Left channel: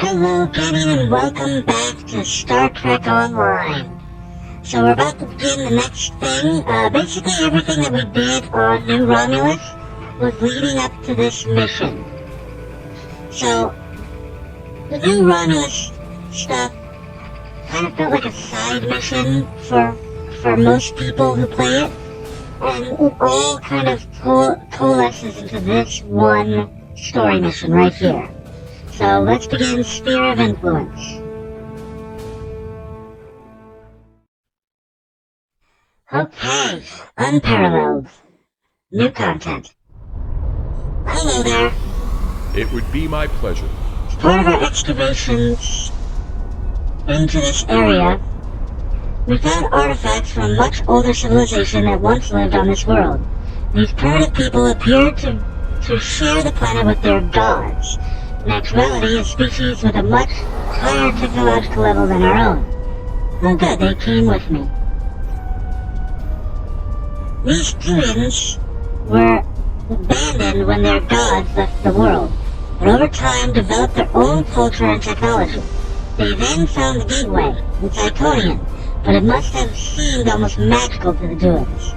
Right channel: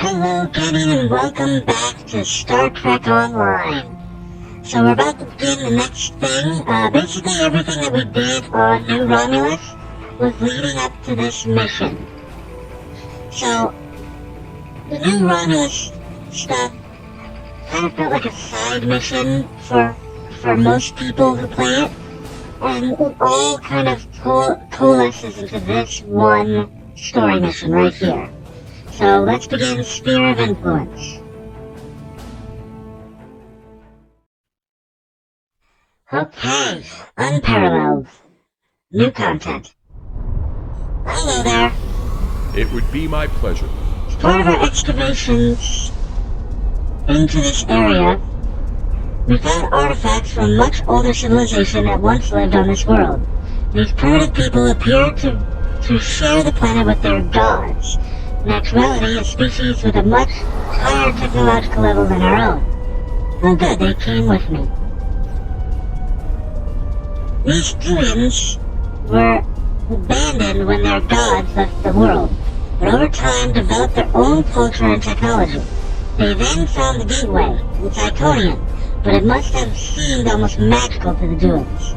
Hello, Kenny, and welcome back to Star Trek Online. So we're about to begin the next thing. Basically everything that we did on New Romulus was leading up to this mission. So, the New Romulus stuff kind of felt like a side mission for most people who play it. And it all kind of coalesces into this one story mission right here. So let's begin Sphere of Influence. Okay, unparalleled. New content. Hello there. It would be my pleasure. As part of our excavations into this area, we found artifacts from much older civilization that once lived on this world. These primitive people appear to share the planet with their gods. In actuality, a species with a much higher technological level than our own. Oh good, they came with me. These humans were abandoned when their gods left the world, but over time developed their own culture and technology. They then found the gateway, the Iconian, but it must have seemed almost magical to the doings.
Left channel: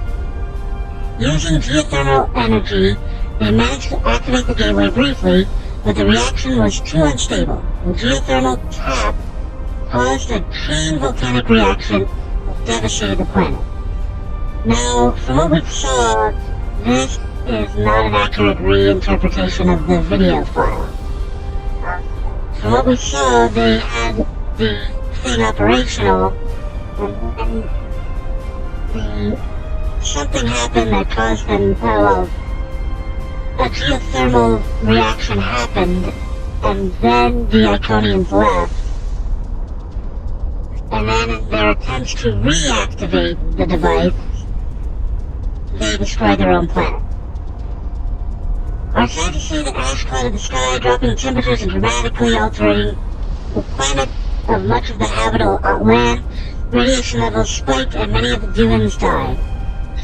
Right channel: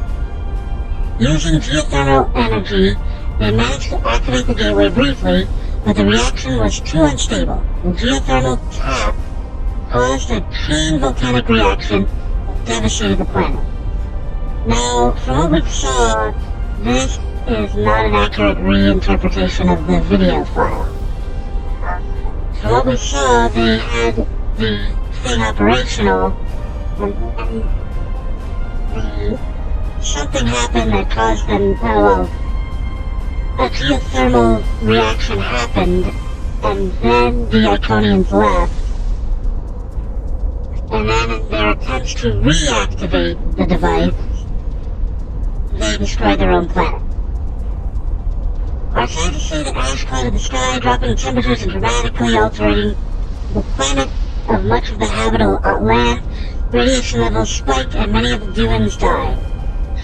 Using geothermal energy, they managed to activate the gateway briefly, but the reaction was too unstable. The geothermal tap caused a chain volcanic reaction that devastated the planet. Now, from what we saw, this is not an accurate reinterpretation of the video file. From what we saw, they had the thing operational, and something happened that caused them, a geothermal reaction happened, and then the Iconians left, and then in their attempts to reactivate the device, they destroyed their own planet. Our scientists say that ash flooded the sky, dropping temperatures and dramatically altering the climate of much of the habitable land. Radiation levels spiked and many of the humans died.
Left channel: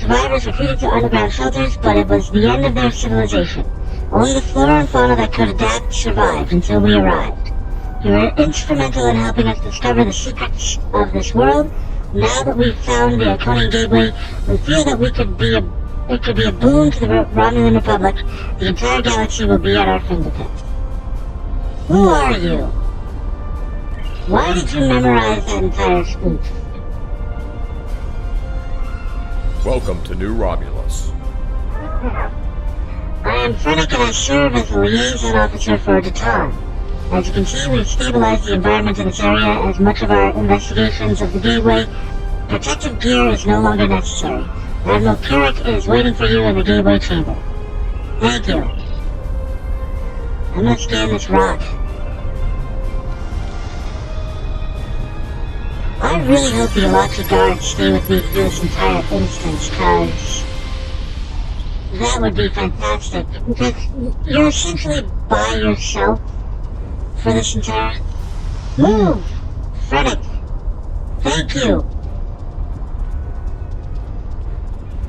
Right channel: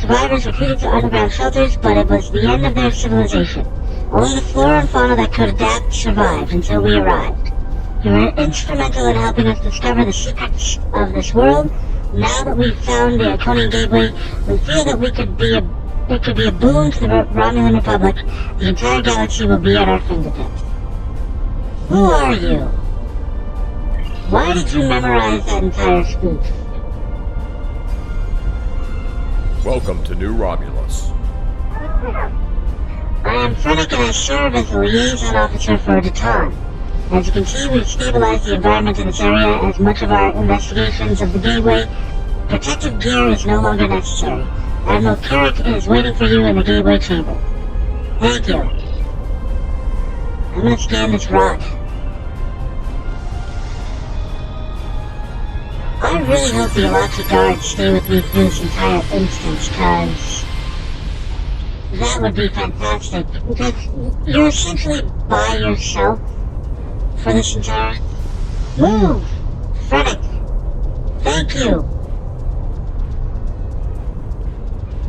Survivors retreated to underground shelters, but it was the end of their civilization. Only the flora and fauna that could adapt survived until we arrived. You were instrumental in helping us discover the secrets of this world. Now that we've found the Iconian Gateway, we feel that it could be a boon to the Romulan Republic. The entire galaxy will be at our fingertips. Who are you? Why did you memorize that entire speech? Welcome to New Romulus. I am Fennec and I serve as a liaison officer for Datan. As you can see, we've stabilized the environment in this area as much of our investigations of the gateway. Protective gear is no longer necessary. Admiral Kirik is waiting for you in the gateway chamber. Thank you. I'm gonna scan this rock. I really hope the Alachi guards stay with me through this entire instance, cause that would be fantastic. Because you're essentially by yourself for this entire... Move! Frederick! Thank you!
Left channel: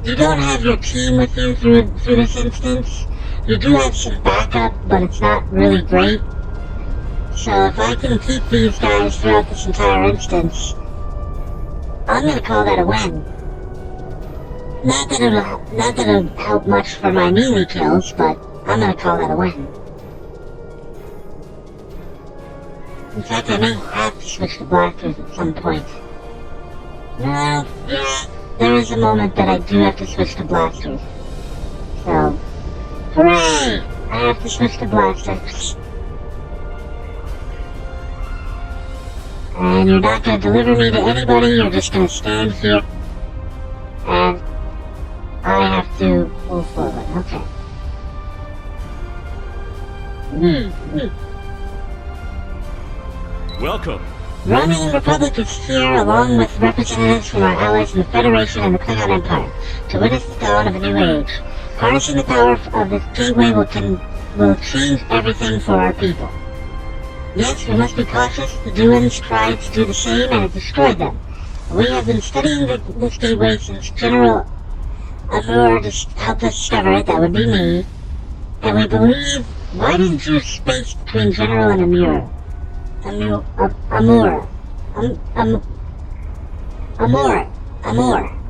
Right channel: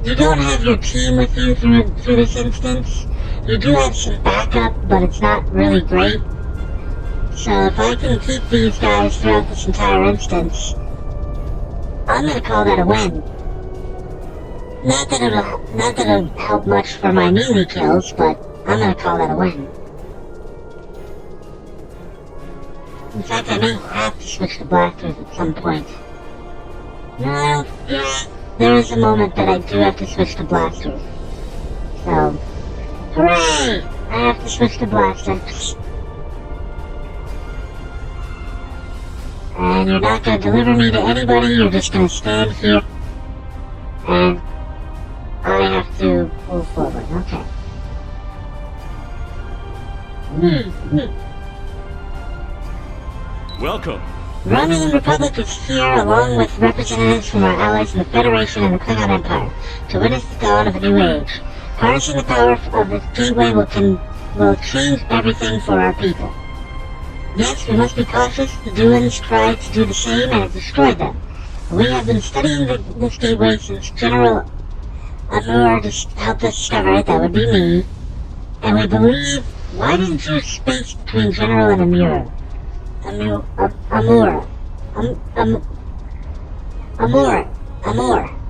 You don't have your team with you through this instance. You do have some backup, but it's not really great. So if I can keep these guys throughout this entire instance, I'm gonna call that a win. Not that it'll help much for my melee kills, but I'm gonna call that a win. In fact, I may have to switch to blasters at some point. No, yeah, there is a moment that I do have to switch to blasters. So, hooray! I have to switch to blasters. And you're not going to deliver me to anybody, you're just going to stand here. And I have to move forward, okay. Welcome. The Romulan Republic is here along with representatives from our allies in the Federation and the Klingon Empire to witness the dawn of a new age. Harnessing the power of this gateway will change everything for our people. Yes, we must be cautious. The Duans tried to do the same and it destroyed them. We have been studying this gateway since General Amur helped us discover it. That would be me. And we believe, why didn't you space between General and Amur? Amor.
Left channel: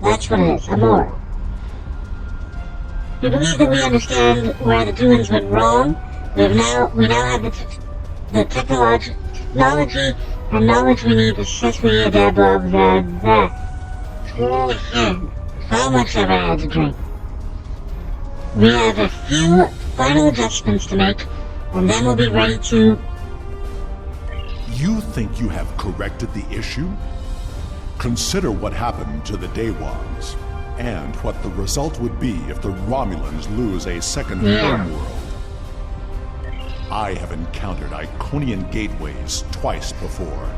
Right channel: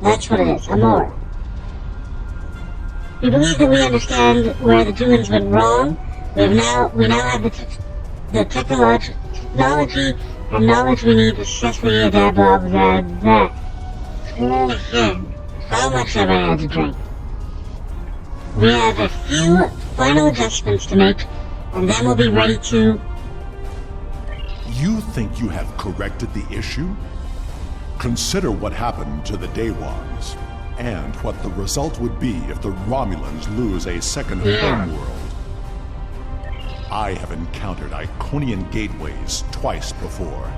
That's what it is, Amor. We believe that we understand where the Druids went wrong. We now have the technology and knowledge we need to successfully adapt that. Holy shit. How much have I had to drink? We have a few final adjustments to make, and then we'll be ready to... You think you have corrected the issue? Consider what happened to the Day Ones, and what the result would be if the Romulans lose a second homeworld. I have encountered Iconian gateways twice before.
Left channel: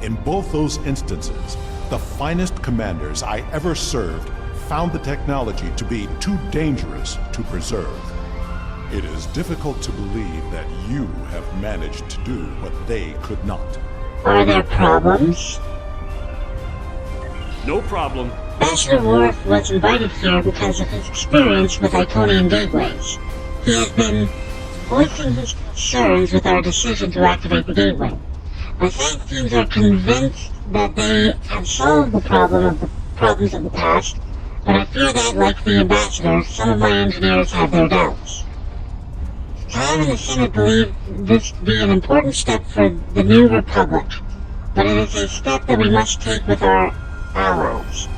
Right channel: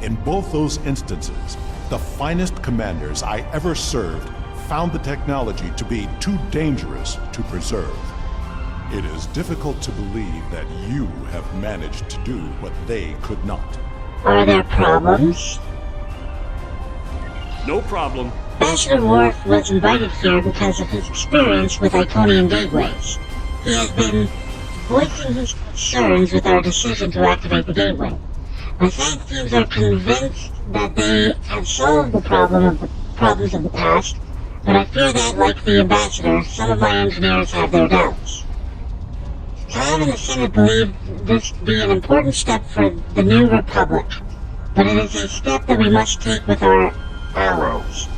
In both those instances, the finest commanders I ever served found the technology to be too dangerous to preserve. It is difficult to believe that you have managed to do what they could not. Are there problems? No problem. Ambassador Worf was invited here because of his experience with Iconian gateways. He has been voicing his concerns with our decision to activate the gateway. My science teams are convinced that they have solved the problems of the past, but I fear that, like the Ambassador, some of my engineers have their doubts. Time and the Senate believe this to be an important step for the new Republic, but it is a step that we must take with our allies.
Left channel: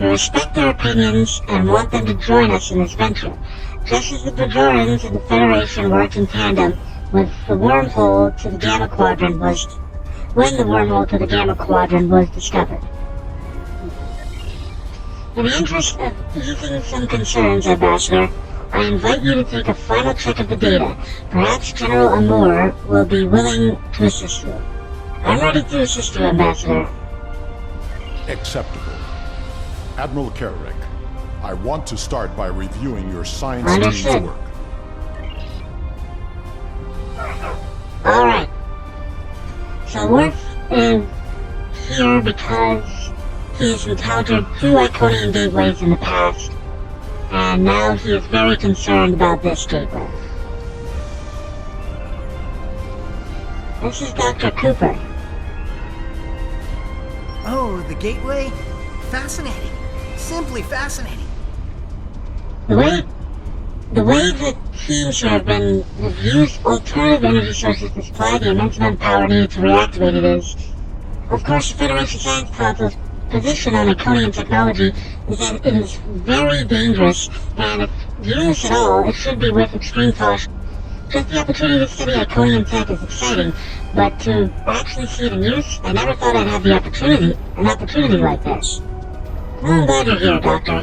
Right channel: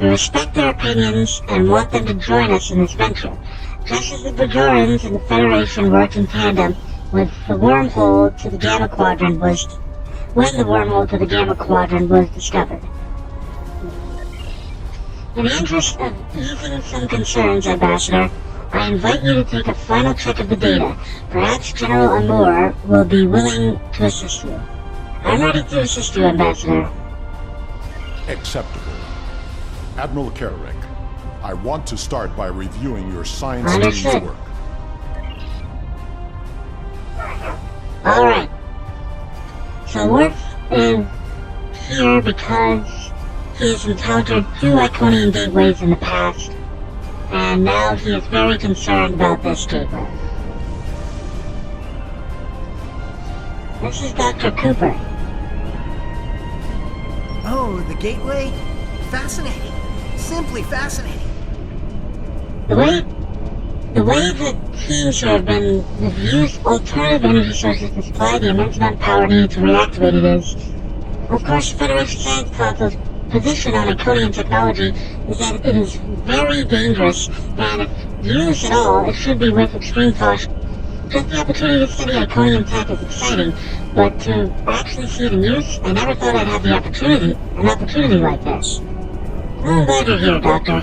We respect their opinions and want them to join us in this venture, just as the Bajorans and the Federation worked in tandem when the wormhole to the Gamma Quadrant was discovered. In the interest of easing some concerns, Ambassador, I invite you to take a final check of the data. Perhaps General Amor will be willing to assist you. I'm ready to assist you, Ambassador. Acceptable. Admiral Carrick, I want to start by reviewing your science team's Understood. work. Alright. So Worf is here because he's encountered 2 Iconian gateways in the past, and now he is very concerned about this gateway. This is Dr. Cooper. Oh, the gateway? Fascinating. Simply fascinating. The way that teams have used alternative energy sources to supply the immense amount of power needed to reactivate it is, of course, the Federation Science Council's position on Iconian technology is that it is very dangerous, and if used at all, it should be with extreme caution. Just the opportunity to study Iconian tech is exciting, but to actually see it in use, I never thought I'd have an opportunity like this. I'm glad you're here, Doctor.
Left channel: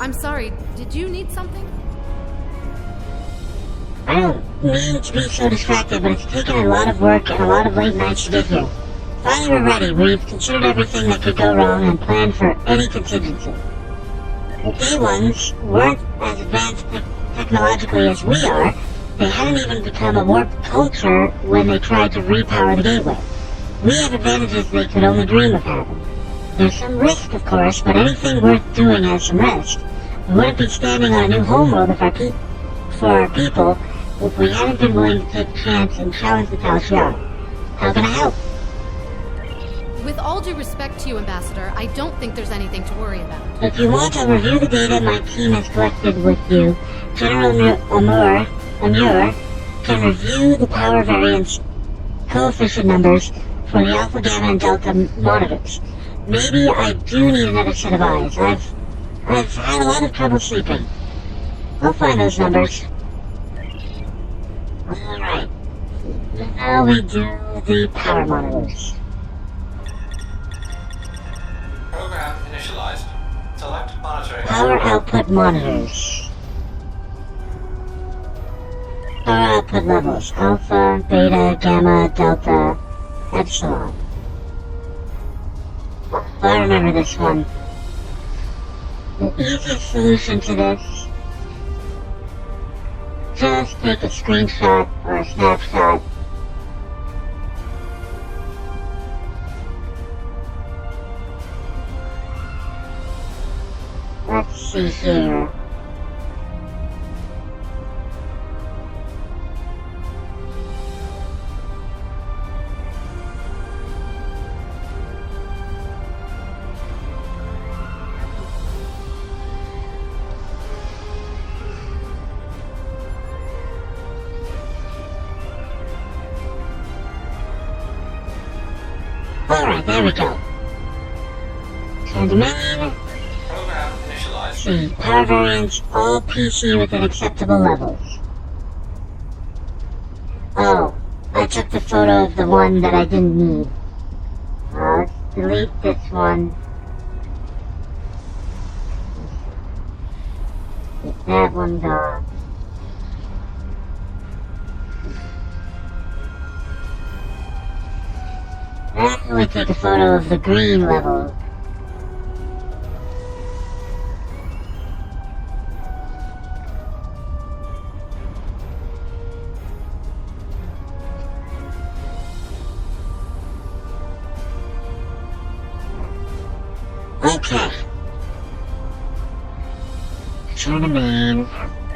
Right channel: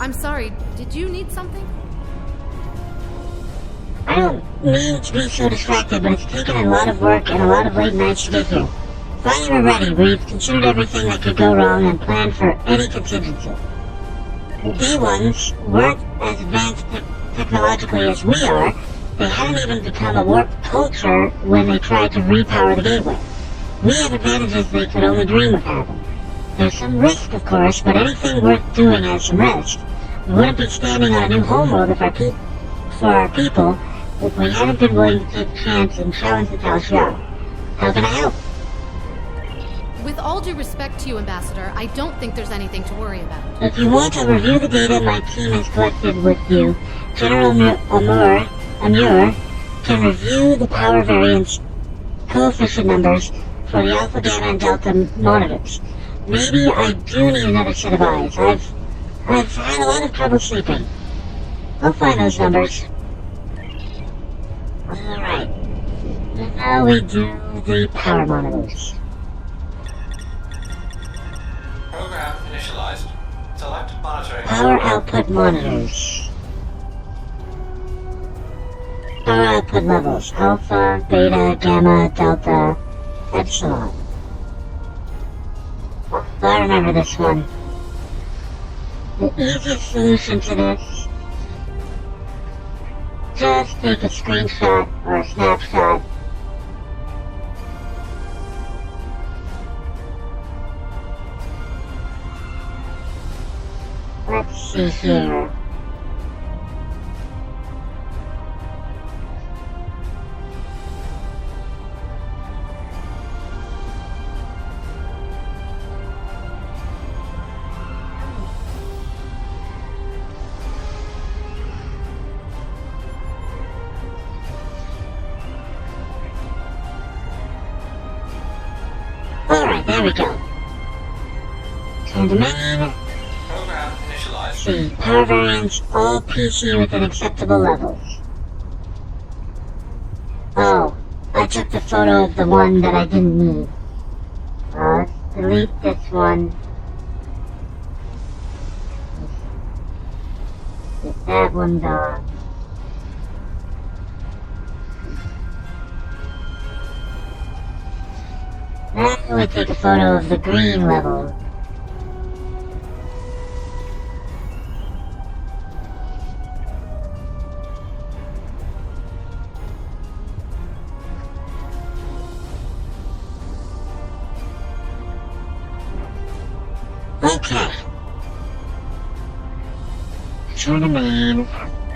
I'm sorry, did you need something? I don't mean to be so distracted, but it's taken a lot of work and a lot of late nights to get here. Finally we're ready. We've considered everything that could go wrong and planned for any contingency. The Day Ones weren't as advanced technologically as we are. They hadn't even become a warped culture when they tried to repower the gateway. We have advantages they could only dream of having. There's some risk, of course, but anything worth doing has some risk. We wouldn't be standing on a new homeworld for our people if we hadn't been willing to take a chance and challenge the Tal'Sharr. How can I help? With all due respect to you, Ambassador, I don't think there's anything to worry about. If you want to review the data my team has collected with you, General Amur can review the power variance coefficient numbers for the Alpha, Gamma, and Delta monitors. Maybe I do need another set of eyes. I've had a lot of trouble sleeping. I'll find those numbers. Alright. Now we do the power monitors. Program initialized. Select monitoring. Power output monitors. Power output levels. Alpha, Beta, Gamma, Delta, Epsilon. I remember this one. The easiest solution to this, just take a screenshot or a snapshot. Let's see here. Alright, there we go. Turn to main. Program initialized. See, power variance, all PC within acceptable levels. Oh, I took the photo of the one that I didn't need. Let's delete this one. Get that one done. Now we take a photo of the green level. Okay. Turn to main.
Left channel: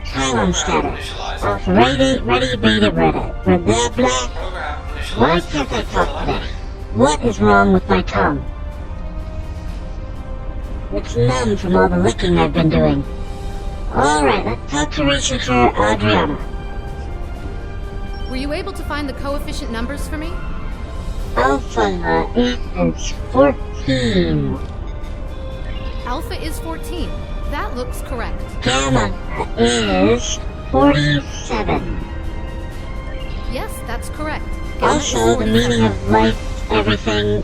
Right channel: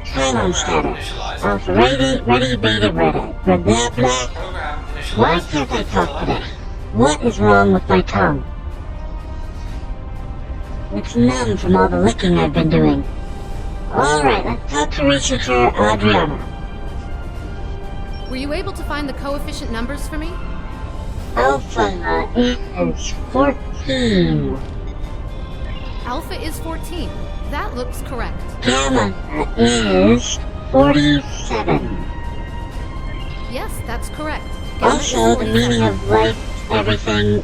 Pylon status. Alpha ready, beta ready. Blah blah blah. Program Why initialized. can't I talk today? What is wrong with my tongue? It's numb from all the licking I've been doing. Alright, let's talk to researcher Adriana. Were you able to find the coefficient numbers for me? Alpha is 14. Alpha is 14. That looks correct. Gamma is 47. Yes, that's correct. Gamma Also, is the meaning 47. of life, everything,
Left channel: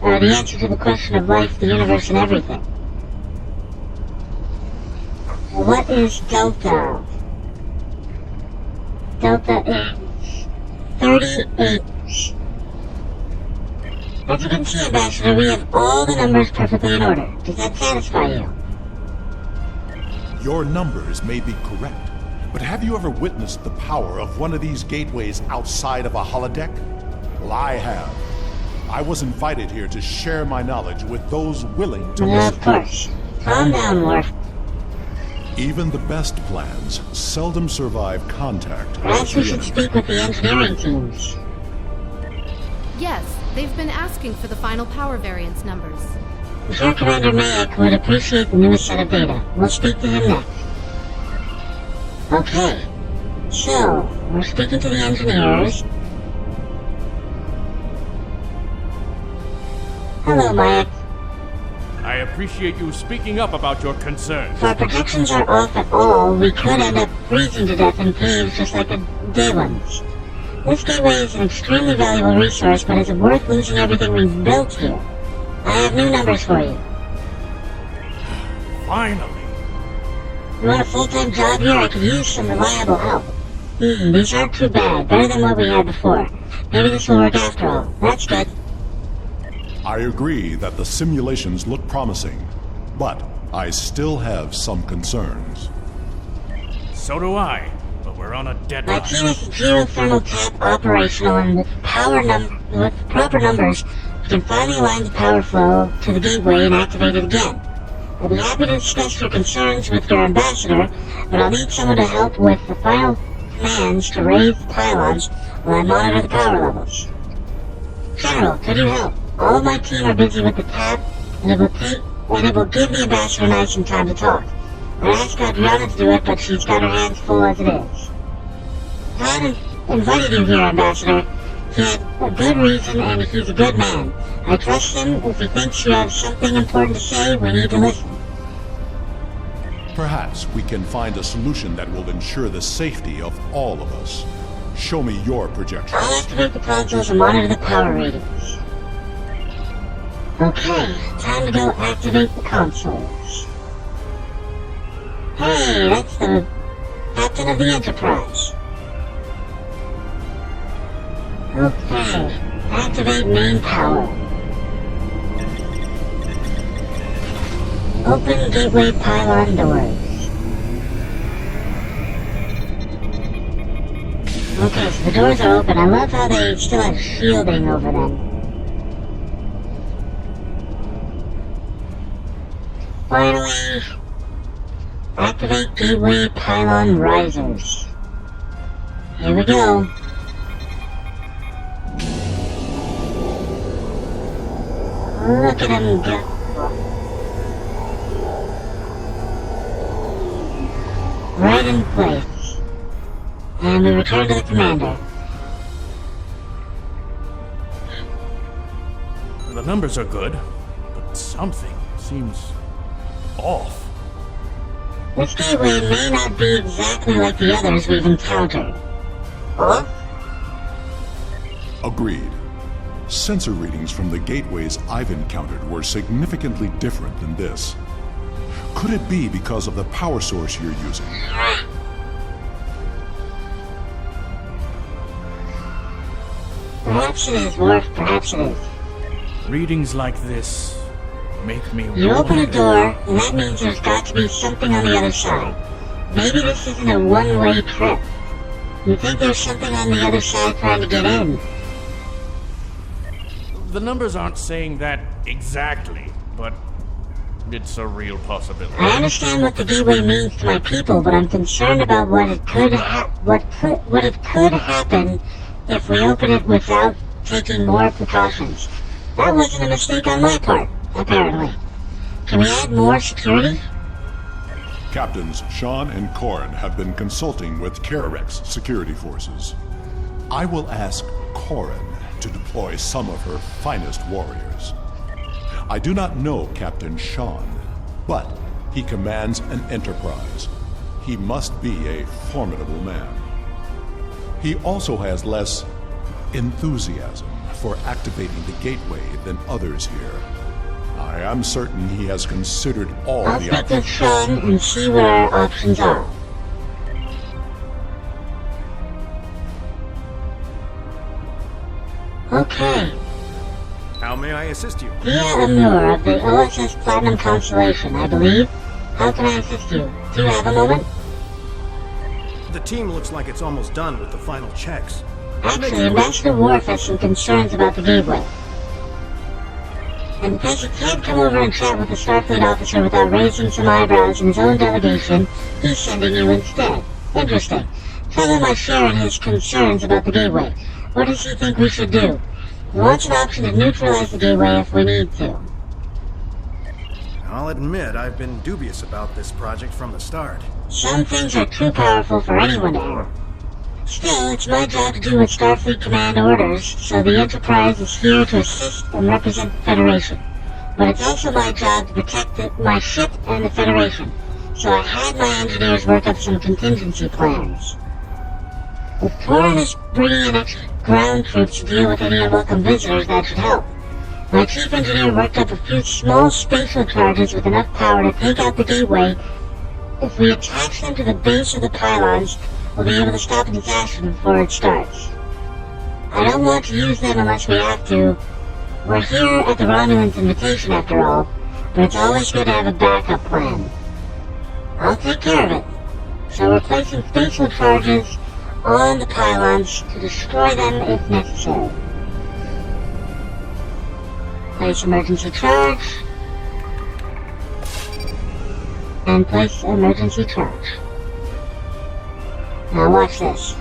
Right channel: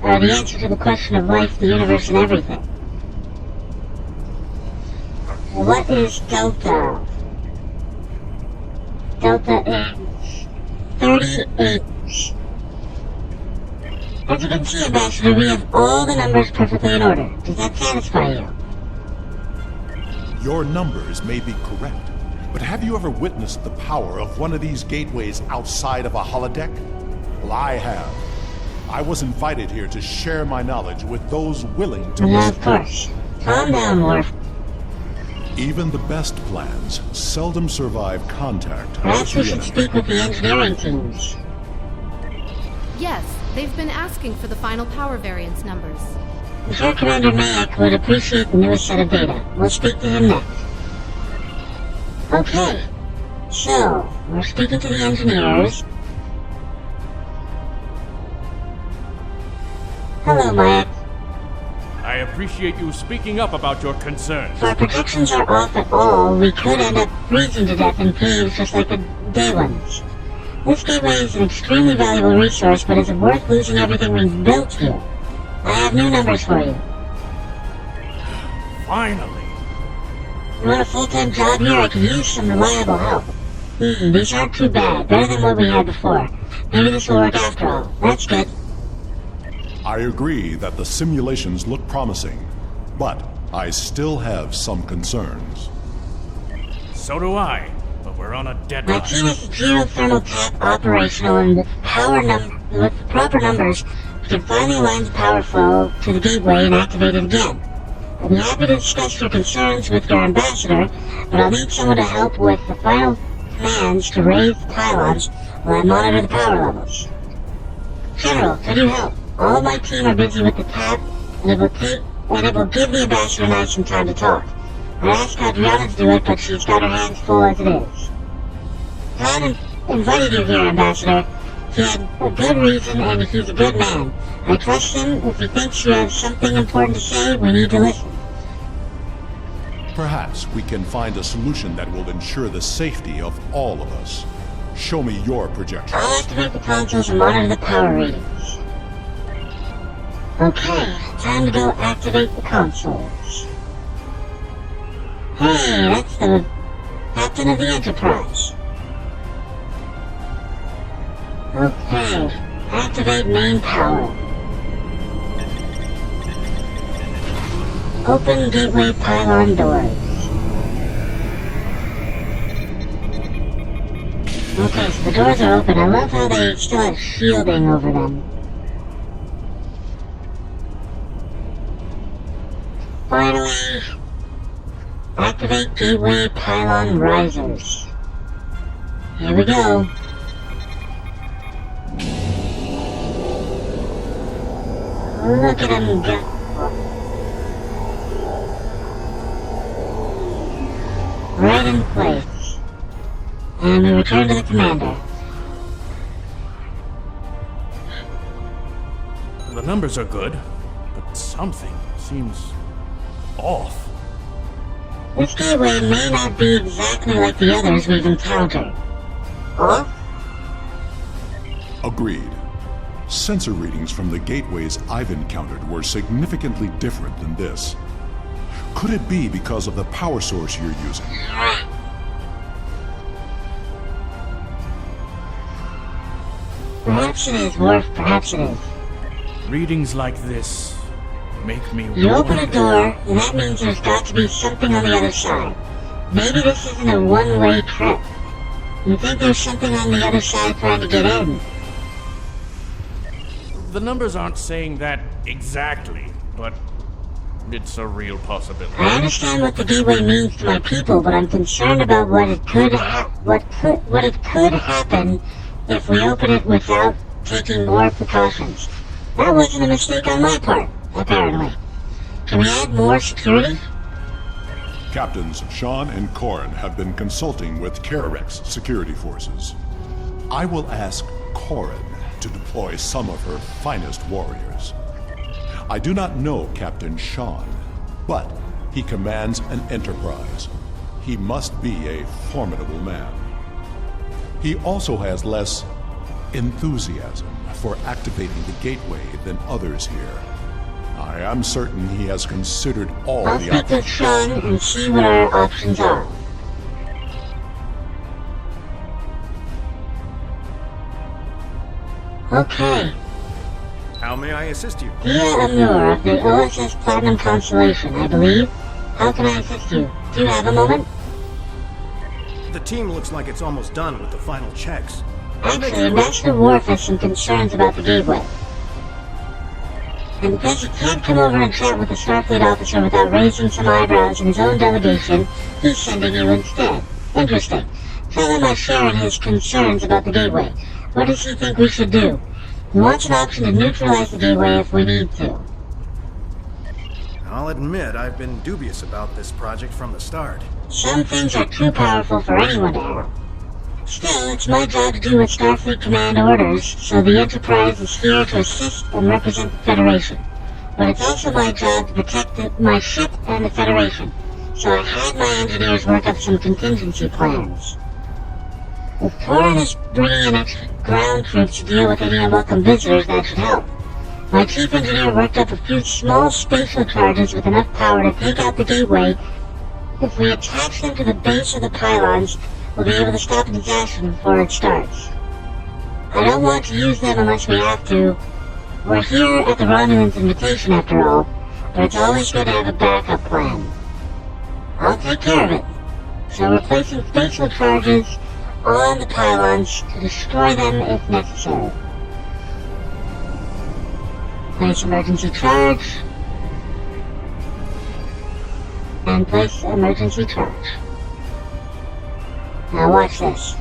the answer to the question of life, the universe, and everything. What is delta? Delta is 38. As you can see, Ambassador, we have all the numbers perfectly in order. Does that satisfy you? Your numbers may be correct, but have you ever witnessed the power of one of these gateways outside of a holodeck? Well, I have. I was invited here to share my knowledge with those willing to Yeah, listen. of course. Calm down, Worf. Even the best plans seldom survive contact with Perhaps we the should enemy. speak with the engineering teams. Yes, they've been asking for the final power variance numbers. Before Commander Mayak would appreciate the newest set of data. We'll speak to him next. Okay. So, we're speaking to the engineers. Hello, Mayak. I appreciate you speaking up about your concerns. If our protections are off at all, we could end up freezing to death in caves just like the day ones. This gateway is an extremely valuable resource, but is it worth losing everything we've built here? I have new numbers for you. Finally! You want a full-time job here? I could use some reliable help. These aren't too bad. Better than what we had before. Maybe this will work after all. That's good. I agree that the simulations look promising, but I still have some concerns. So do I, but we're on a My deadline. team is geothermal tap operational, and with the proper numbers, we can finally align the power flow to the gateway and activate it again. I'll be happy to discuss your concerns with your ambassador, but I'll need someone to help with the final commands to raise the pylons while I monitor the power levels. General, could you help? All of my team are busy with the tap, and it will give the ambassador and I some time to talk. I asked Adriana to do it, but she's got her hands full as it is. I invited you here, Ambassador. He had a good reason, and he's a good man. I trust him. If he thinks you have something important to say, we need to listen. Perhaps we can find a solution that will ensure the safety of all of us. Show me your projections. I'll activate the consoles and monitor the power readings. Okay, time to go activate the consoles. Hey, that's the captain of the Enterprise. Okay, activate main power. Open gateway pylon doors. Okay, so the doors are open. I love how they still have shielding over them. Finally, activate gateway pylon risers. Here we go. Look at him go. Right in place. And we return to the commander. The numbers are good, but something seems off. This gateway may not be exactly like the others we've encountered. Huh? Agreed. Sensor readings from the gateways I've encountered were significantly different than this. Could it be because of the power source you're using? Perhaps it is, Worf, perhaps it is. Readings like this make me You open a wonder. door, and that means there's got to be something on the other side. Maybe this isn't a one-way trip. You think there's something on the other side trying to get in? The numbers aren't saying that exactly, but it's a real possibility. I understand what the gateway means to my people, but I'm concerned about what it could happen if we open it without taking more precautions. That wasn't a mistake on my part, apparently. Can we add more security? Captains Sean and Corin have been consulting with Kararek's security forces. I will ask Corin to deploy some of her finest warriors. I do not know Captain Sean, but he commands an enterprise. He must be a formidable man. He also has less enthusiasm for activating the gateway than others here. I am certain he has considered all I'll the speak with options. Sean and see what our options are. Okay. How may I assist you? Via Amur of the OSS Platinum Constellation, I believe. How can I assist you? Do you have a moment? The team looks like it's almost done with the final checks. Actually, Master Worf has some concerns about the gateway. And because he can't come over and chat with a Starfleet officer without raising some eyebrows in his own delegation, he's sending you instead. Interesting. Tell him I share in his concerns about the gateway. What does he think we should do? He wants an option to neutralize the gateway if we need to. I'll admit I've been dubious about this project from the start. Some things are too powerful for anyone to handle. Still, it's my job to do what Starfleet Command orders, so the Enterprise is here to assist and represent the Federation. But it's also my job to protect my ship and the Federation, so I had my engineers work up some contingency plans. If Corin is bringing in extra ground troops to deal with any unwelcome visitors, that should help. My chief engineer worked up a few small spatial charges with enough power to take out the gateway. If we attach them to the base of the pylons, we'll be able to stop a disaster before it starts. I don't want to use them unless we have to. We're here at the Romulans' invitation after all, but it's always good to have a backup plan. I'll take care of it. So we're placing spatial charges on the pylons to destroy them if necessary. Place emergency charge. And place emergency charge. Now watch this.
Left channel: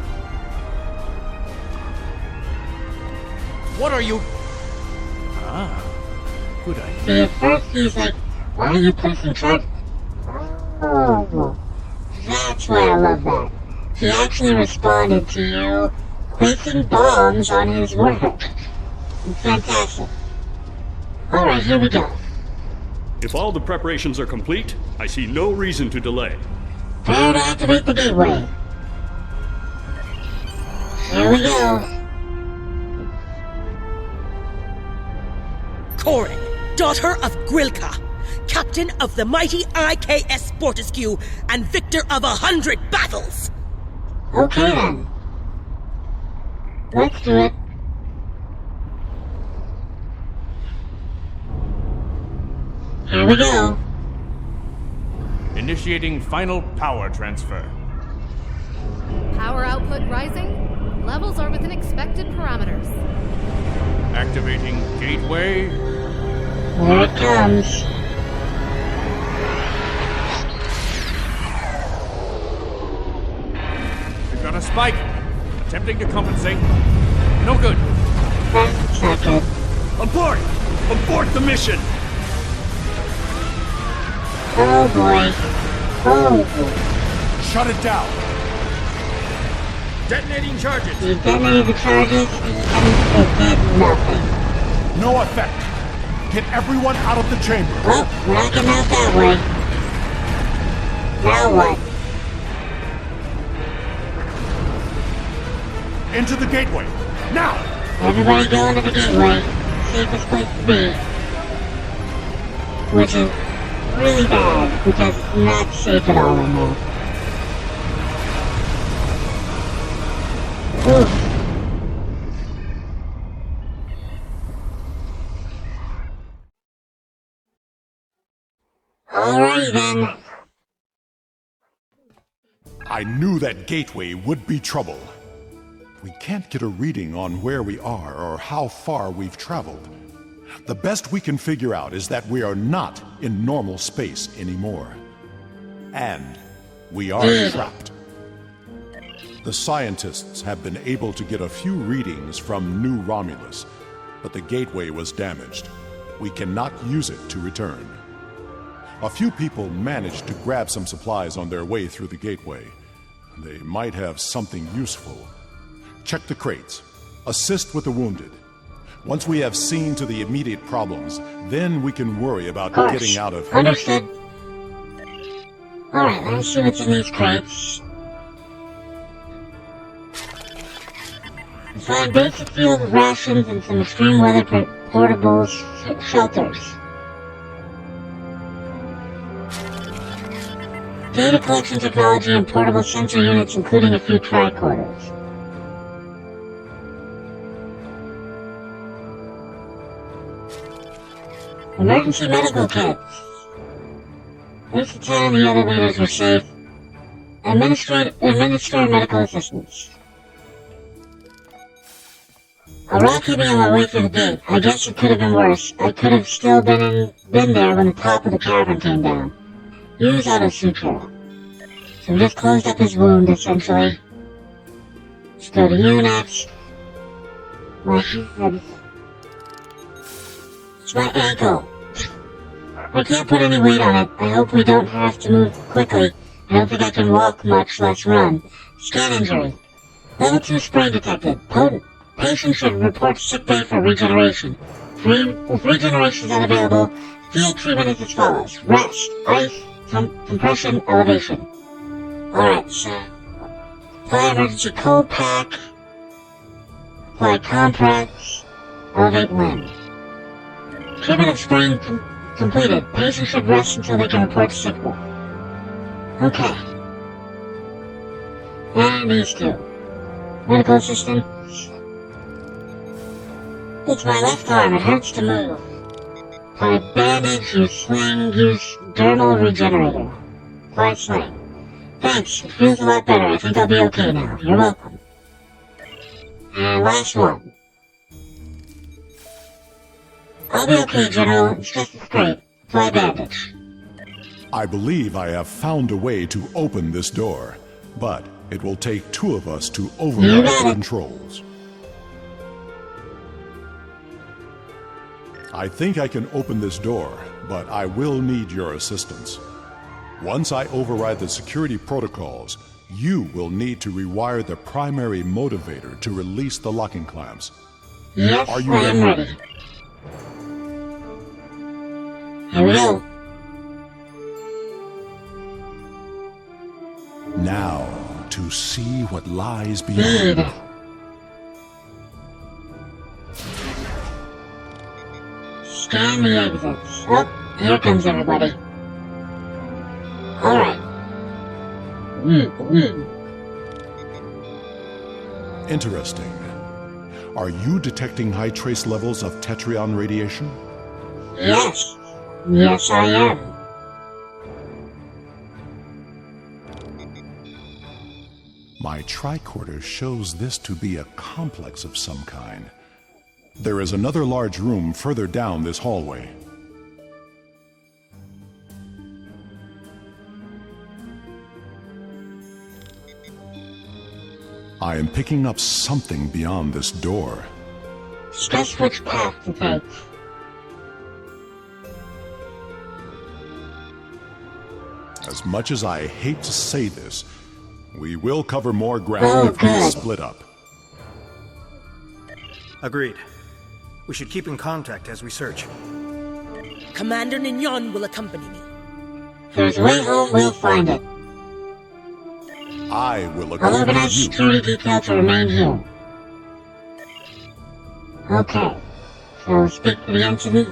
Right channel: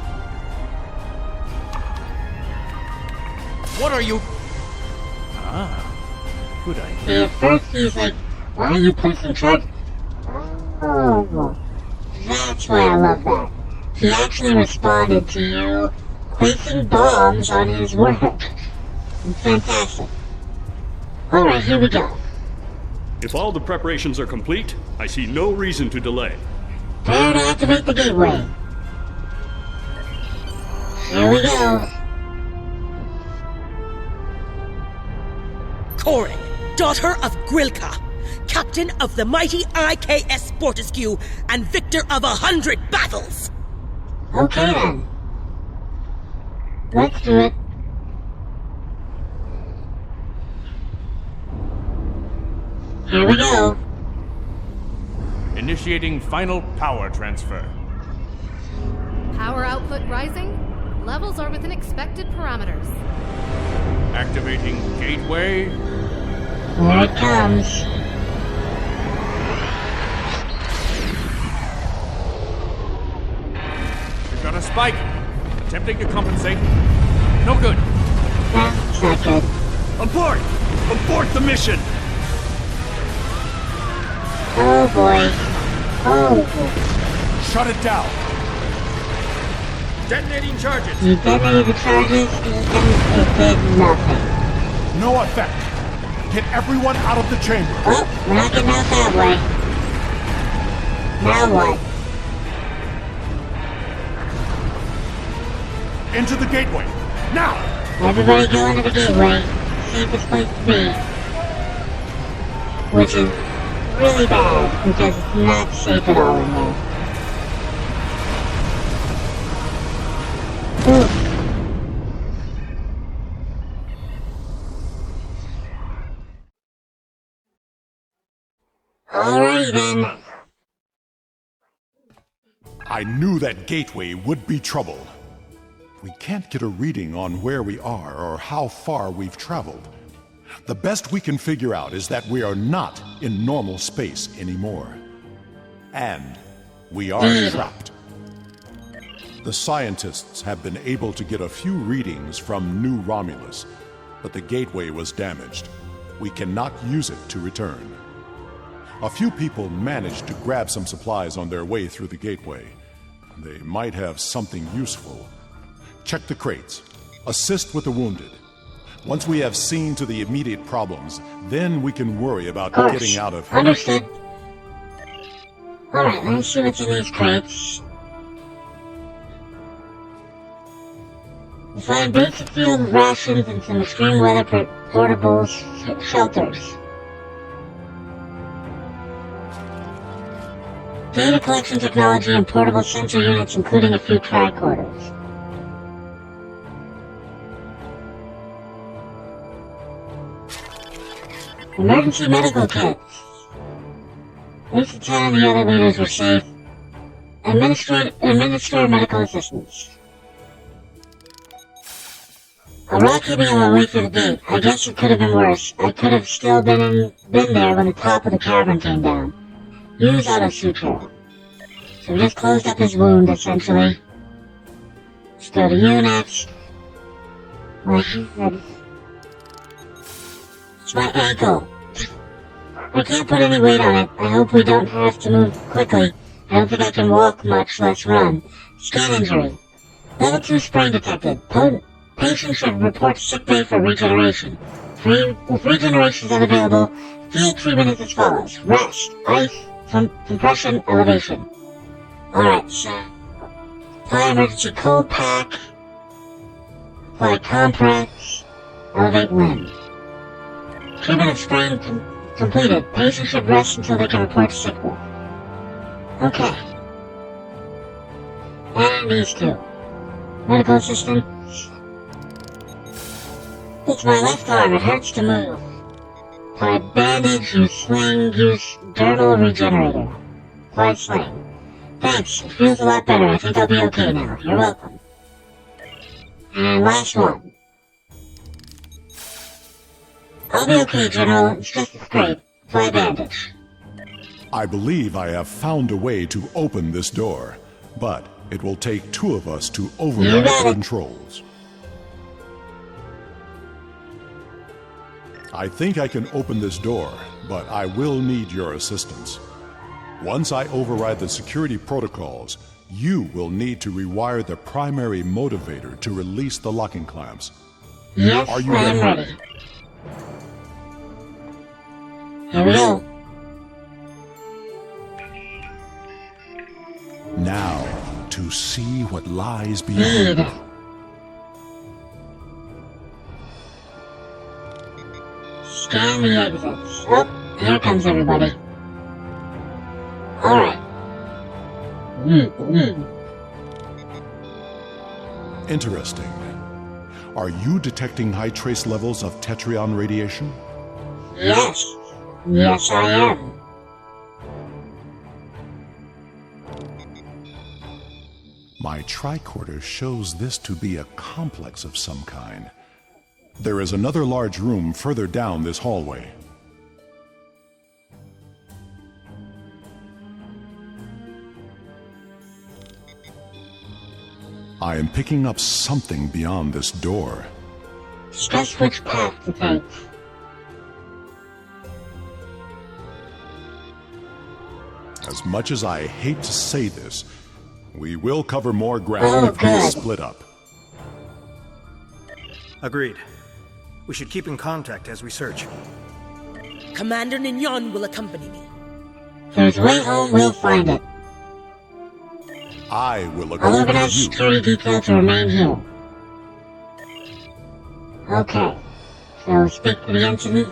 What are you? Ah, good idea. See, at first he's like, why are you placing charge? Oh, that's why I love that. He actually responded to you placing bombs on his warhead. It's fantastic. Alright, here we go. If all the preparations are complete, I see no reason to delay. Prepare to activate the gateway. Here we go. Corin, daughter of Grilka, captain of the mighty IKS Fortescue and victor of 100 battles. Okay then. Let's do it. Here we go. Initiating final power transfer. Power output rising. Levels are within expected parameters. Activating gateway. Here it comes. We've got a spike. Attempting to compensate. No good. That's not good. Abort! Abort the mission! Oh boy. Oh. Shut it down! Detonating charges! You detonated the charges and it did nothing. No effect! Get everyone out of the chamber. Oh, we're not getting out that way. Now what? Into the gateway. Now! Everybody go into the gateway. Safest place to be. Which is really bad, because it's not safe at all in there. Ooh. Alrighty then. I knew that gateway would be trouble. We can't get a reading on where we are or how far we've traveled. The best we can figure out is that we are not in normal space anymore. And we are trapped. The scientists have been able to get a few readings from New Romulus, but the gateway was damaged. We cannot use it to return. A few people managed to grab some supplies on their way through the gateway. They might have something useful. Check the crates. Assist with the wounded. Once we have seen to the immediate problems, then we can worry about getting out of here. Understood. Alright, let me see what's in these crates. Find basic field rations and some extreme weather portable shelters. Data collection technology and portable sensor units, including a few tricorders. Emergency medical kits. At least the 10 in the elevators were safe. Administer medical assistance. A rat hit me on my way through the gate. I guess it could have been worse. I could have still been there when the top of the cavern came down. Use auto suture. So we just closed up his wound, essentially. Let's go to you next. My head. It's my ankle. I can't put any weight on it. I hope we don't have to move quickly. I don't think I can walk much, less run. Scan injury. Level 2 sprain detected. Patient should report sickbay for regeneration. If regeneration is unavailable, field treatment is as follows. Rest, ice, compression, elevation. Alright, so apply emergency cold pack, apply compress, elevate limb. Treatment of sprain completed. Patient should rest until they can report sick bay. Okay. And these two. Medical assistant. It's my left arm, it hurts to move. Apply bandage, use sling, use dermal regenerator. Apply sling. Thanks, it feels a lot better. I think I'll be okay now. You're welcome. And last one. I'll be okay, General. It's just a scrape. Apply bandage. I believe I have found a way to open this door, but it will take 2 of us to override the controls. I think I can open this door, but I will need your assistance. Once I override the security protocols, you will need to rewire the primary motivator to release the locking clamps. Yes, Are you ready? I'm ready. Here we go. Now, to see what lies beyond. Scan the exits. Oh, here comes everybody. Alright. Interesting. Are you detecting high trace levels of Tetrion radiation? Yes. Yes, I am. My tricorder shows this to be a complex of some kind. There is another large room further down this hallway. I am picking up something beyond this door. Discuss which path to take. As much as I hate to say this, we will cover more ground if we split up. Agreed. We should keep in contact as we search. Commander Nignon will accompany me. If there's a way home, we'll find it. I will I'll accompany organize you. security detail to remain here. Okay. So speak to the entity.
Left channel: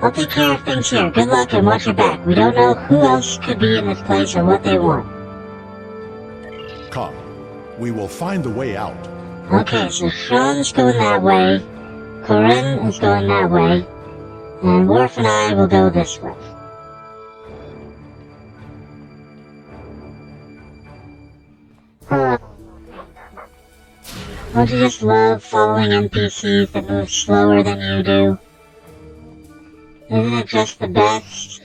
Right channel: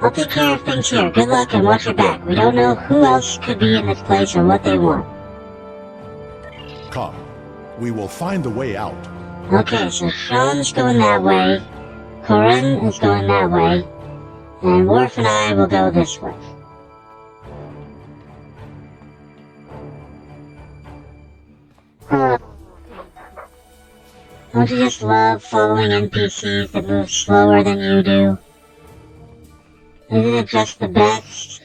I'll take care of things here. Good luck and watch your back. We don't know who else could be in this place or what they want. Come. We will find the way out. Okay, so Sean's going that way. Corinne is going that way. And Worf and I will go this way. Don't you just love following NPCs that move slower than you do? Isn't it just the best?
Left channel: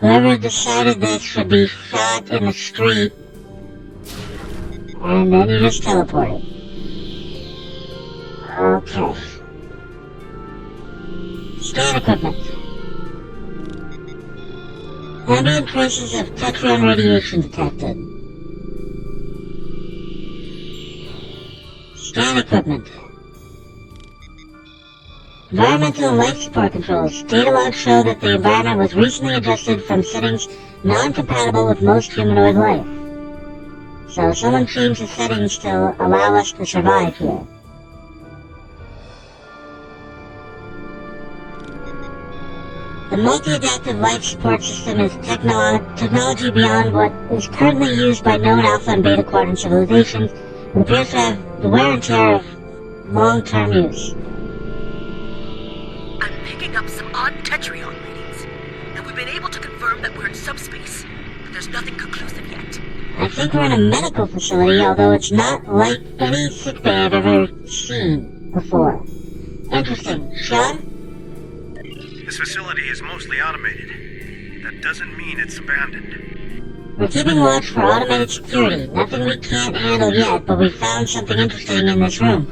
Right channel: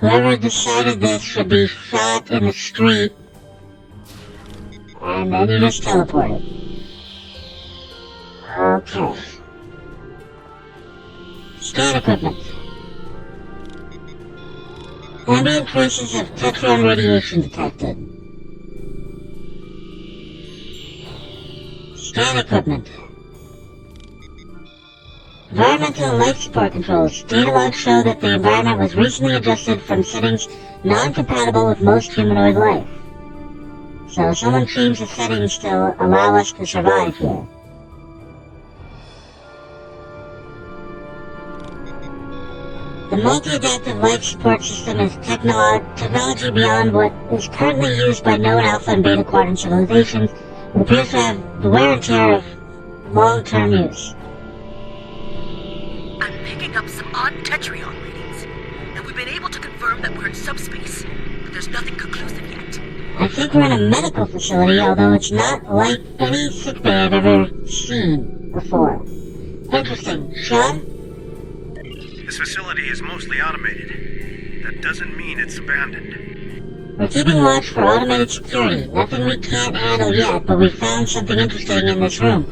Whoever decided this should be shot in the street, and then you just teleport it. Okay. Scan equipment. Ambient traces of Tetron radiation detected. Scan equipment. Environmental and life support controls. Data logs show that the environment was recently adjusted from settings non-compatible with most humanoid life. So someone changed the settings to allow us to survive here. The multi-adaptive life support system is technology beyond what is currently used by known alpha and beta quadrant civilizations. It appears to have the wear and tear of long-term use. I'm picking up some odd Tetrion readings, and we've been able to confirm that we're in subspace, but there's nothing conclusive yet. I think we're in a medical facility, although it's not like any sickbay I've ever seen before. Interesting. Sean? This facility is mostly automated. That doesn't mean it's abandoned. We're keeping watch for automated security. Nothing we can't handle yet, but we found something interesting in this room.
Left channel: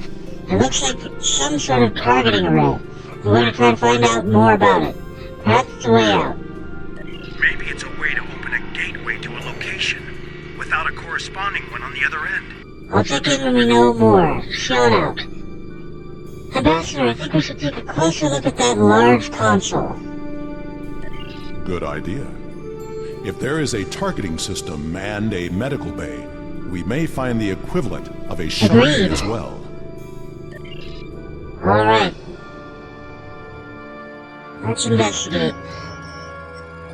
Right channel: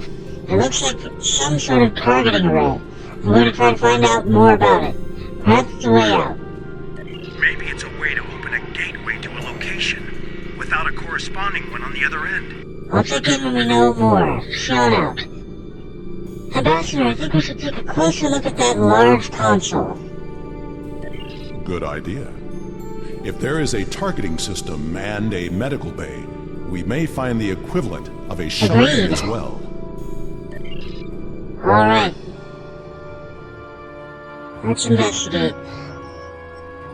It looks like some sort of targeting array. We're going to try to find out more about it. Perhaps it's a way out. Maybe it's a way to open a gateway to a location, without a corresponding one on the other end. I'll check in when we know more. Sean out. Ambassador, I think we should take a closer look at that large console. Good idea. If there is a targeting system and a medical bay, we may find the equivalent of a shuttle bay Agreed. as well. Alright. Let's investigate.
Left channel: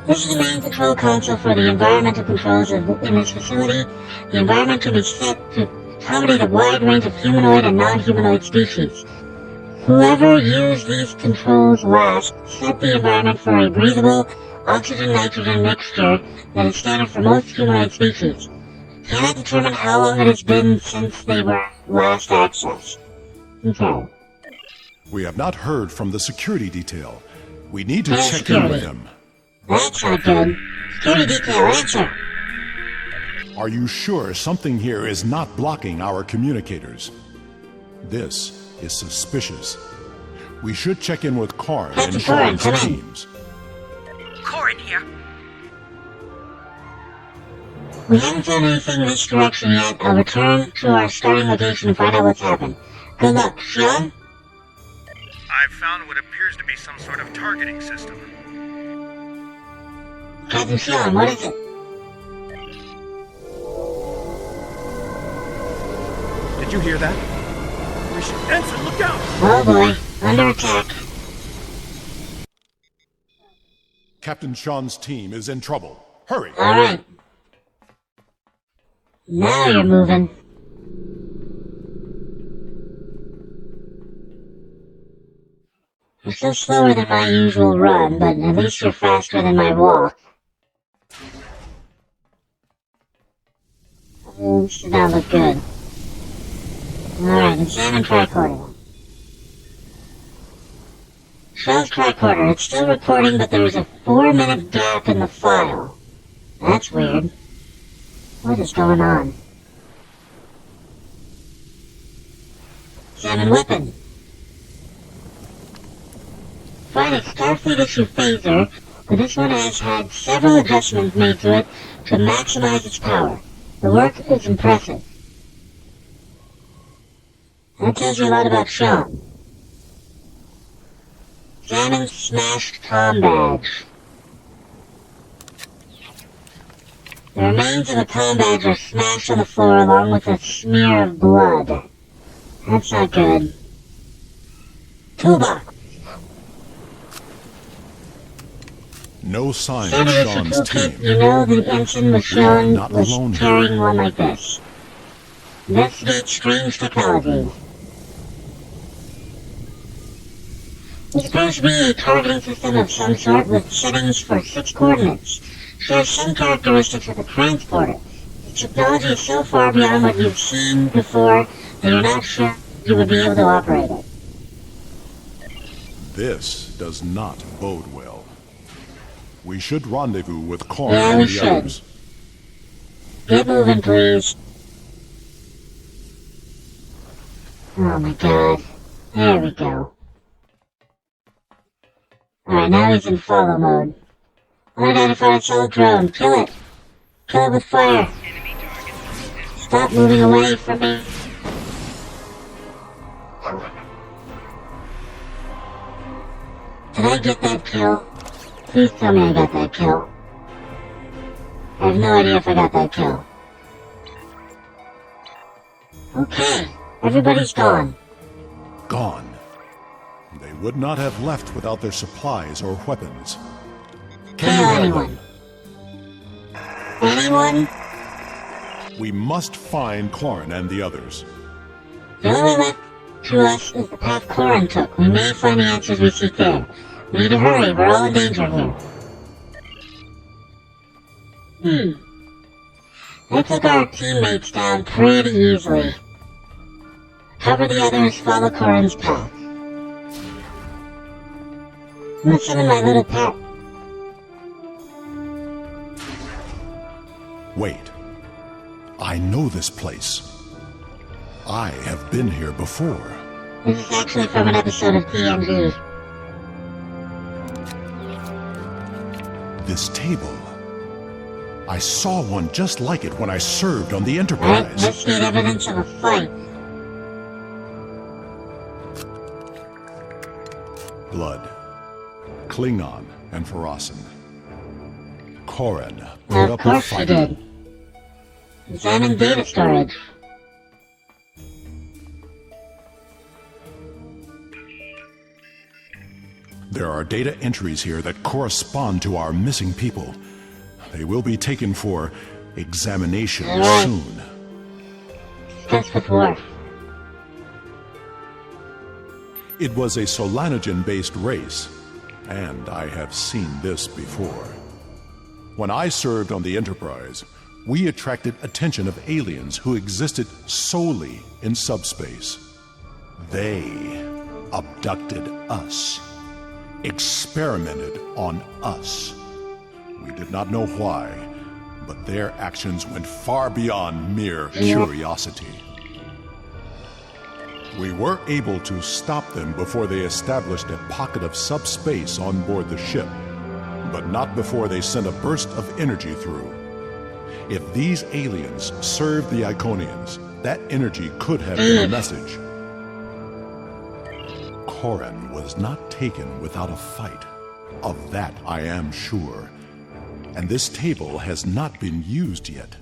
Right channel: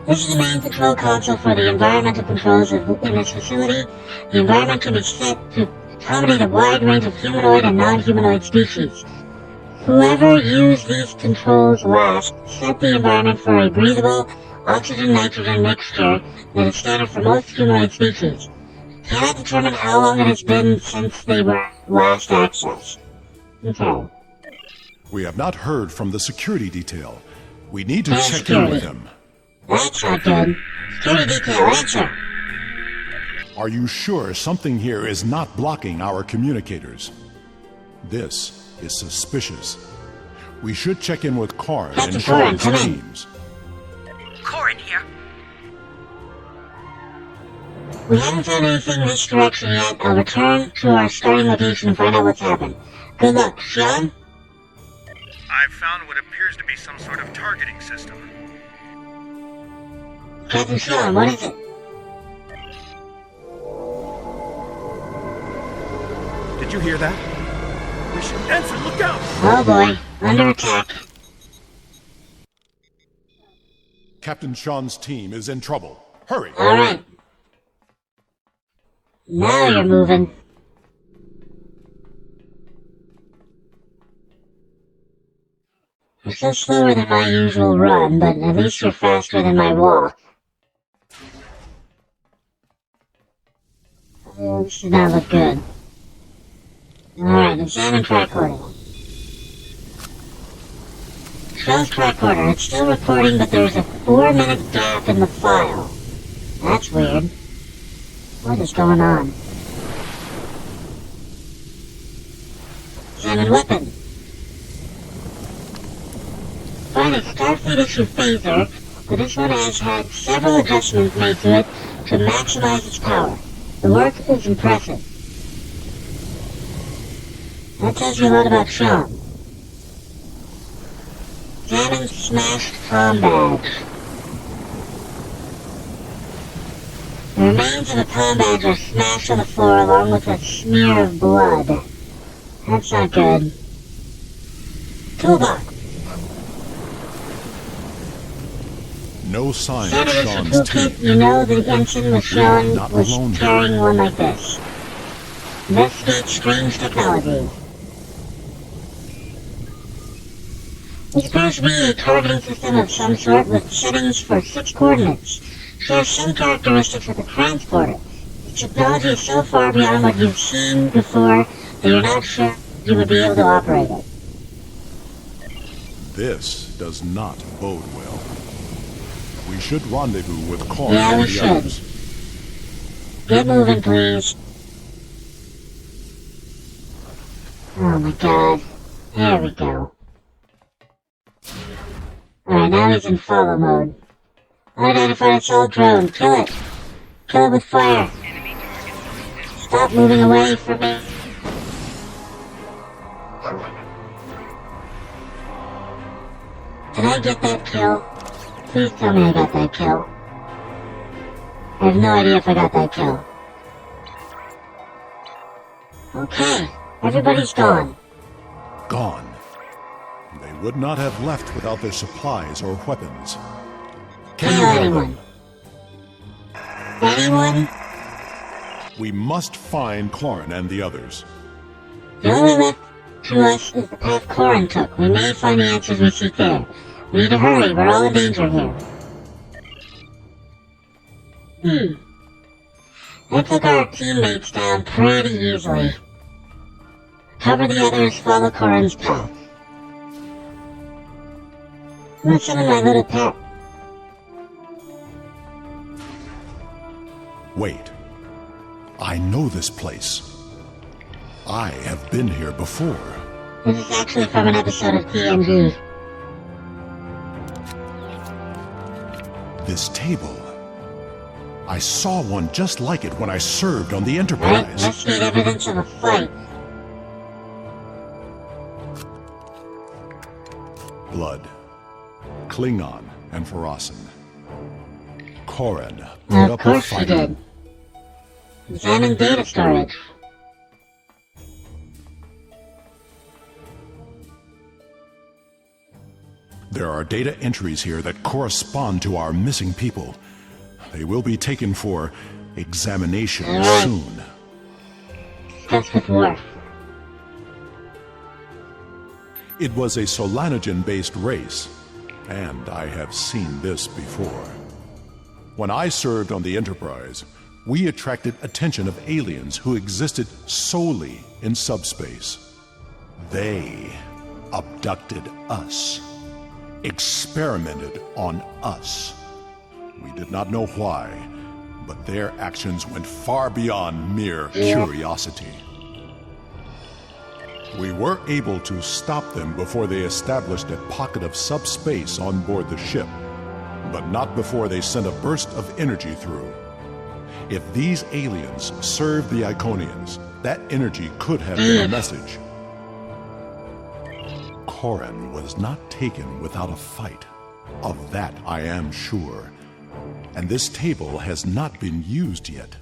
This is the main control console for the environmental controls in this facility. The environment can be set to accommodate a wide range of humanoid and non-humanoid species. Whoever used these controls last set the environment for a breathable oxygen-nitrogen mixture that is standard for most humanoid species. Cannot determine how long it has been since they were last accessed. Okay. We have not heard from the security detail. We need to check in with them. That's not good. Security detail, answer. Are you sure something here is not blocking our communicators? This is suspicious. We should check in with Karn Captain and Karn, Sean's come in. teams. Corin here. We haven't found anything in this direction yet. I'll return to our starting location and find out what's happened. Good luck, Sean? I've found what appears to be some sort of targeting system. Captain Sean, what is it? Did you hear that? We should answer. Look out! Oh boy, under attack. Captain Sean's team is in trouble. Hurry! Alright. Now you're moving. You're still slower than my usual run, but at least you're faster than my walk. This does not look good. Alright, examine tricorder. Shows tricorder. It's still recording, but there is a 4-minute gap in the file. That's weird. What is going on? Examine weapon. Find a Starfleet issue phaser, but this one has had several adjustments made to it to maximize its power. The work is impressive. That tells you a lot about Sean. Examine smashed comm badge. The remains of a comm badge are smashed on the floor along with a smear of blood. That's not good. Toolbox. No sign of Sean's team. You know the engine with Sean not was alone here. carrying one like this. Investigate strange technology. It appears to be a targeting system of some sort with settings for 6 coordinates. Shares some characteristics with the transporter. The technology is so far beyond what you've seen before that you're not sure you would be able to operate it. This does not bode well. We should rendezvous with Korn Yeah, and we the should. others. Get moving, please. Oh my god. There we go. Alright, now he's in follow mode. Unidentified assault drone. Kill it. Kill it with fire. Stop moving away from me. Did I get that kill? Please tell me I got that kill. I have no idea if I got that kill. Okay, everybody's gone. Gone. They would not have left without their supplies or weapons. Can you help them? Anyone? We must find Korn and the others. The only left to us is the path Corin took. We may find the answers we seek there. We need to hurry, we're all in danger here. I took our teammates down pretty easily. Cover the others, follow Corin's path. Listen to my little pet. Wait. I know this place. I have been here before. This is actually from an episode of TNG. This table. I saw one just like it when I served on the Right? Enterprise. Let's get evidence of a fight. Blood. Klingon and Farasin. Korin Well, put of up a course she fight. did. Examine data storage. There are data entries here that correspond to our missing people. They will be taken for examination Alright. soon. Discuss with Worf. It was a Solanogen-based race, and I have seen this before. When I served on the Enterprise, we attracted attention of aliens who existed solely in subspace. They abducted us, experimented on us. We did not know why, but their actions went far beyond mere curiosity. We were able to stop them before they established a pocket of subspace on board the ship, but not before they sent a burst of energy through. If these aliens served the Iconians, that energy could have been a message. Korin was not taken without a fight. Of that I am sure. And this table has not been used yet.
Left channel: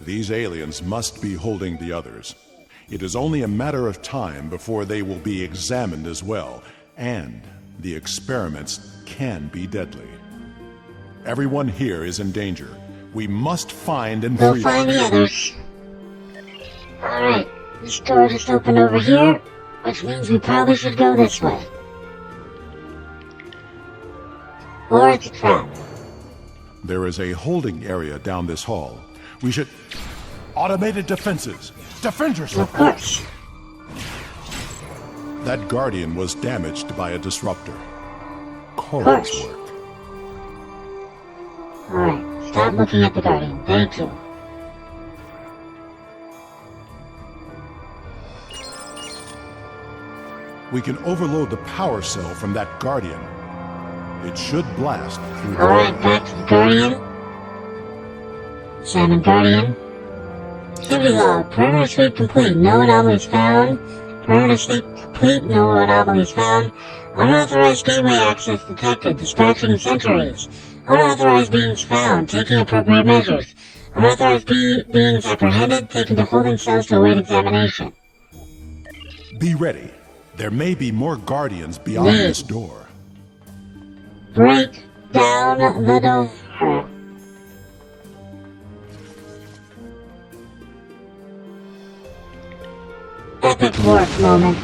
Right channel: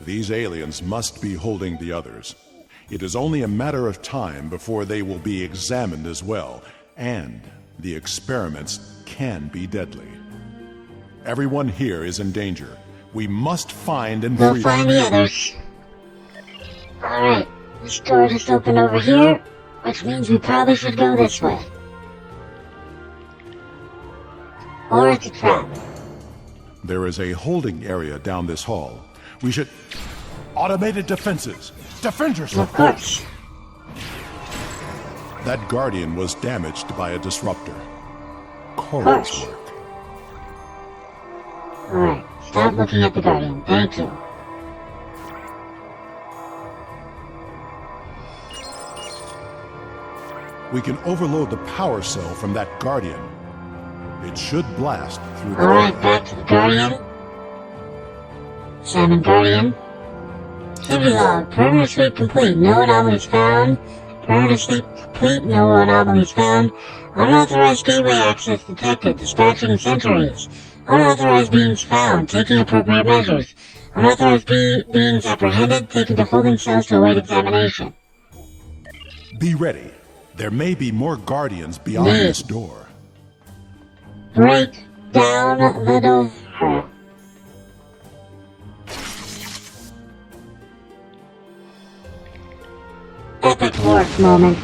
These aliens must be holding the others. It is only a matter of time before they will be examined as well, and the experiments can be deadly. Everyone here is in danger. We must find and We'll free find them. the others. Alright, this door just opened over here, which means we probably should go this way. Or it's a trap. There is a holding area down this hall. We should... Automated defenses! Defend yourself! Of course. That Guardian was damaged by a disruptor. Korin's Course. work. Alright, stop looking at the Guardian. Thank you. We can overload the power cell from that Guardian. It should blast through the Alright, door. back to the Guardian. Simon Guardian. Heavy log. Perimeter sweep complete. No anomalies found. Perimeter state complete, no anomalies found. Unauthorized gateway access detected, dispatching sentries. Unauthorized beings found, taking appropriate measures. Unauthorized beings apprehended, taken to holding cells to await examination. Be ready. There may be more guardians beyond this door. Break down the door. Epic work moment.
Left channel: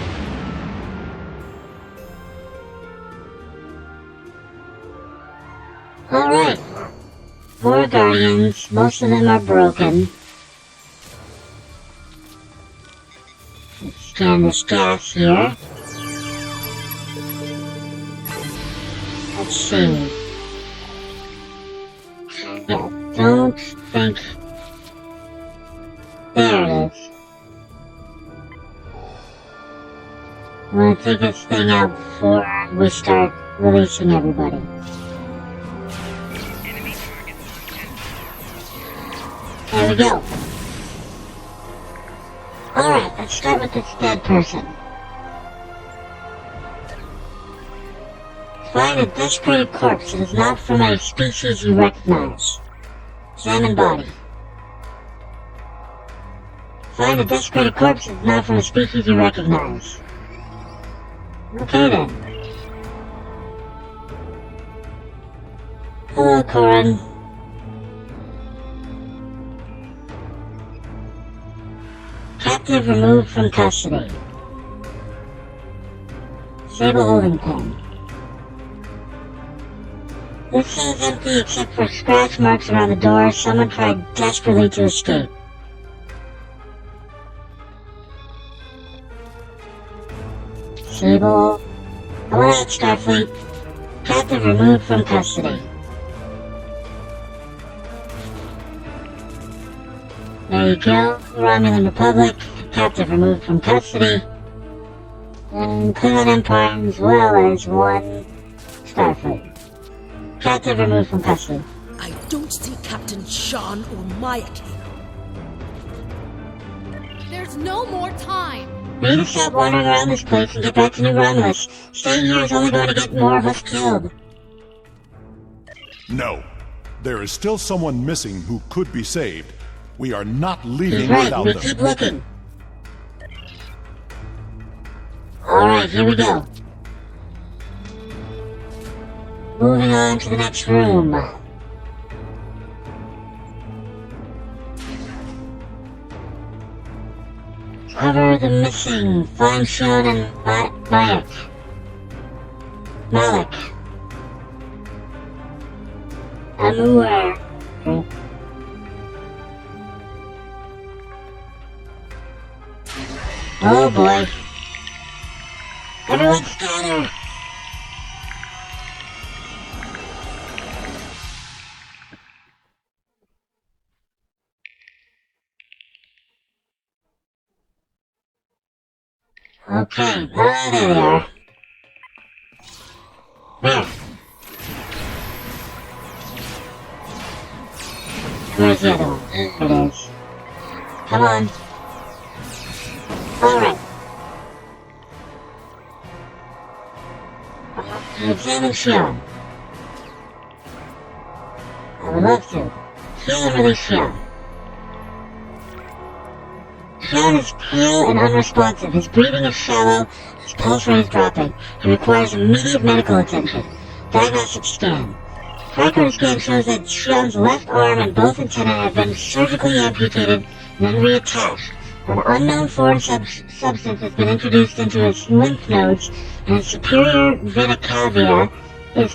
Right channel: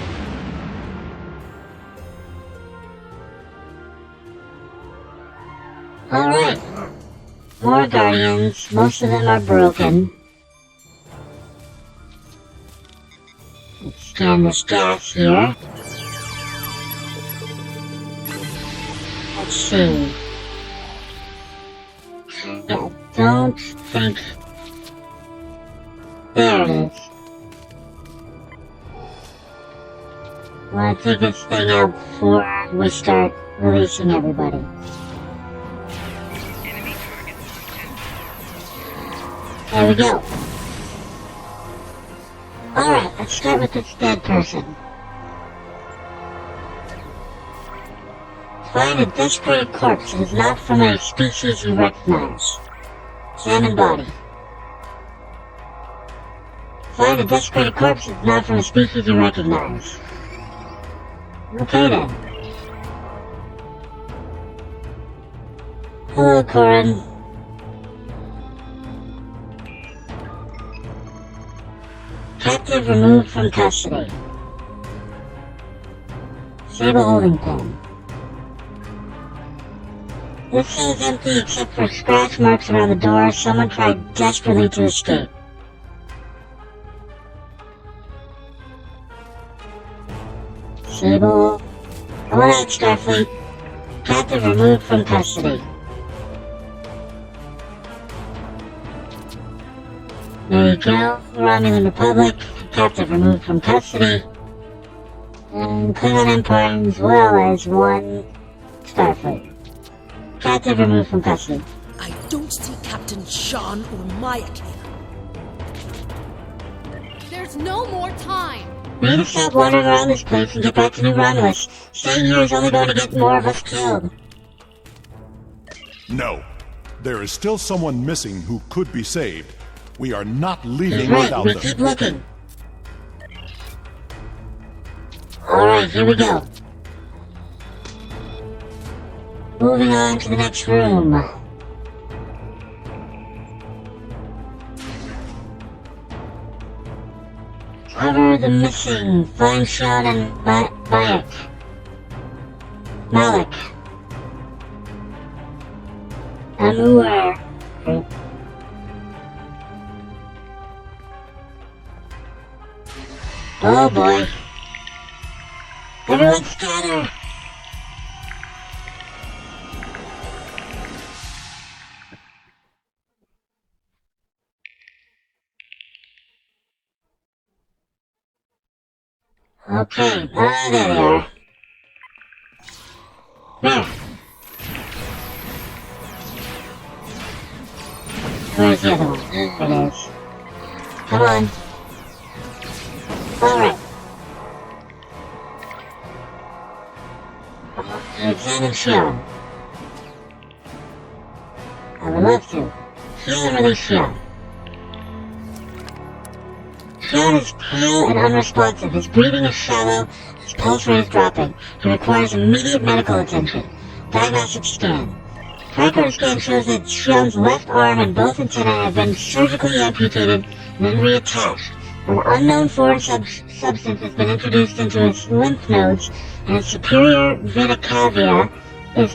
Alright. More guardians. Most of them are broken. Let's scan the stats here. Let's see. I don't think... There it is. I'm gonna take this thing out before we start releasing everybody. There we go. Alright, let's start with this dead person. Find a desecrated corpse that is not from a species you recognize. Examine body. Find a desecrated corpse that is not from a species you recognize. Okay then. Hello, Corin. Captive removed from custody. Sable holding pen. This cell is empty except for scratch marks around the door. Someone tried desperately to escape. Sable. Alright, Starfleet. Captive removed from custody. There you go. Romulan Republic. Captive removed from custody. And Klingon Empire as well as one Starfleet. Captive removed from custody. I don't see Captain Sean or Mayak here. There's no more time! We need to stop wandering around this place and get back to New Romulus. Staying here is only going to get more of us killed. No. There is still someone missing who could be saved. We are not leaving Right, without we them. keep looking. Alright, here we go. Moving on to the next room. Cover the missing. Find Sean and Malik. Anwar. Oh boy. Everyone scatter! Okay, there they are. There. Where's the other one? There it is. Come on. Alright. Examine Sharon. I would love to. Heal and release Sharon. Sharon is pale and unresponsive. His breathing is shallow. His pulse rate is dropping. He requires immediate medical attention. Diagnostic scan. Tricorder scan shows that Shion's left arm and both antennae have been surgically amputated, then reattached. An unknown foreign substance has been introduced into his lymph nodes, and his superior vena cava has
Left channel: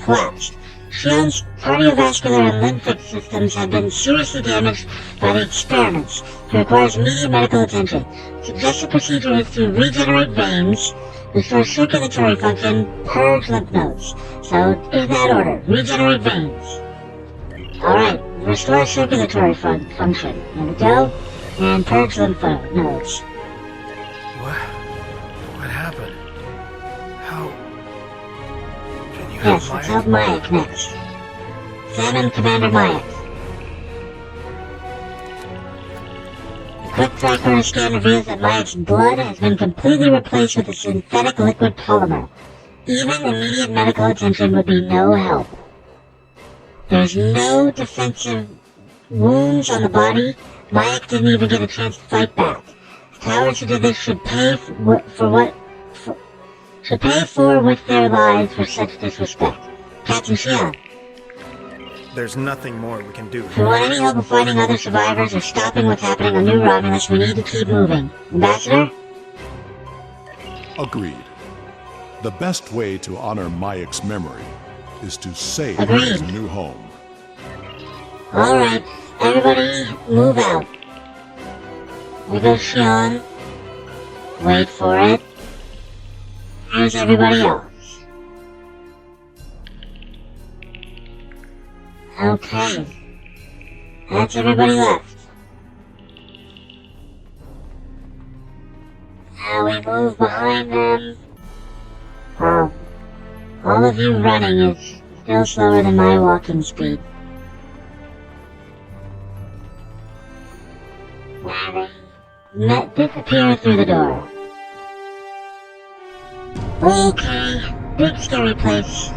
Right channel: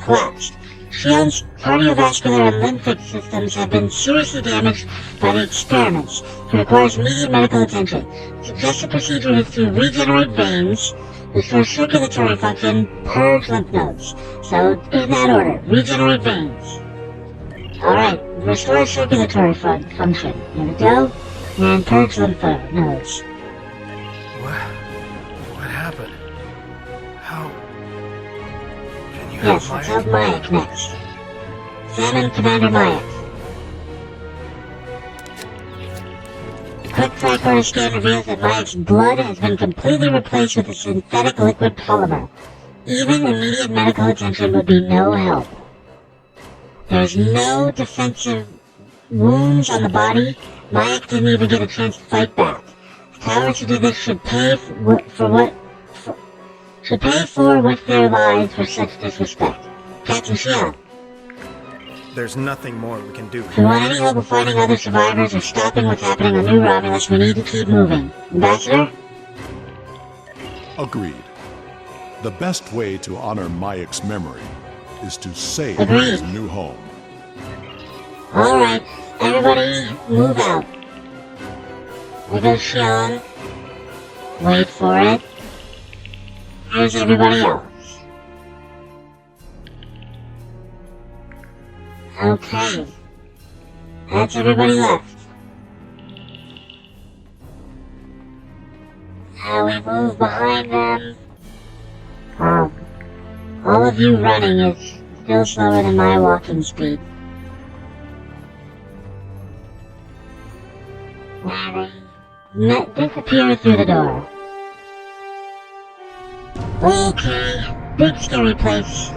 collapsed. Shion's cardiovascular and lymphatic systems have been seriously damaged by the experiments. He requires immediate medical attention. Suggested procedure is to regenerate veins, restore circulatory function, purge lymph nodes. So, in that order, regenerate veins. Alright, restore circulatory function. There we go. And purge lymph nodes. What happened? How... Can you help Yes, let's help Mayak next. Examine Commander Mayak. quick tricorder scan reveals that Mayek's blood has been completely replaced with a synthetic liquid polymer. Even immediate medical attention would be no help. There's no defensive wounds on the body. Mayek didn't even get a chance to fight back. The cowards who did this should pay for with their lives for such disrespect. Captain Xian. There's nothing more we can do If we here. want any hope of finding other survivors or stopping what's happening on New Romulus, we need to keep moving. Ambassador? Agreed. The best way to honor Mayek's memory is to save Agreed. his new home. Alright, everybody move out. There goes Xian. Wait for it. Here's everybody else. Okay. That's everybody left. How we move behind them. All of you running is still slower than my walking speed. Disappear through the door. Okay, big scary place.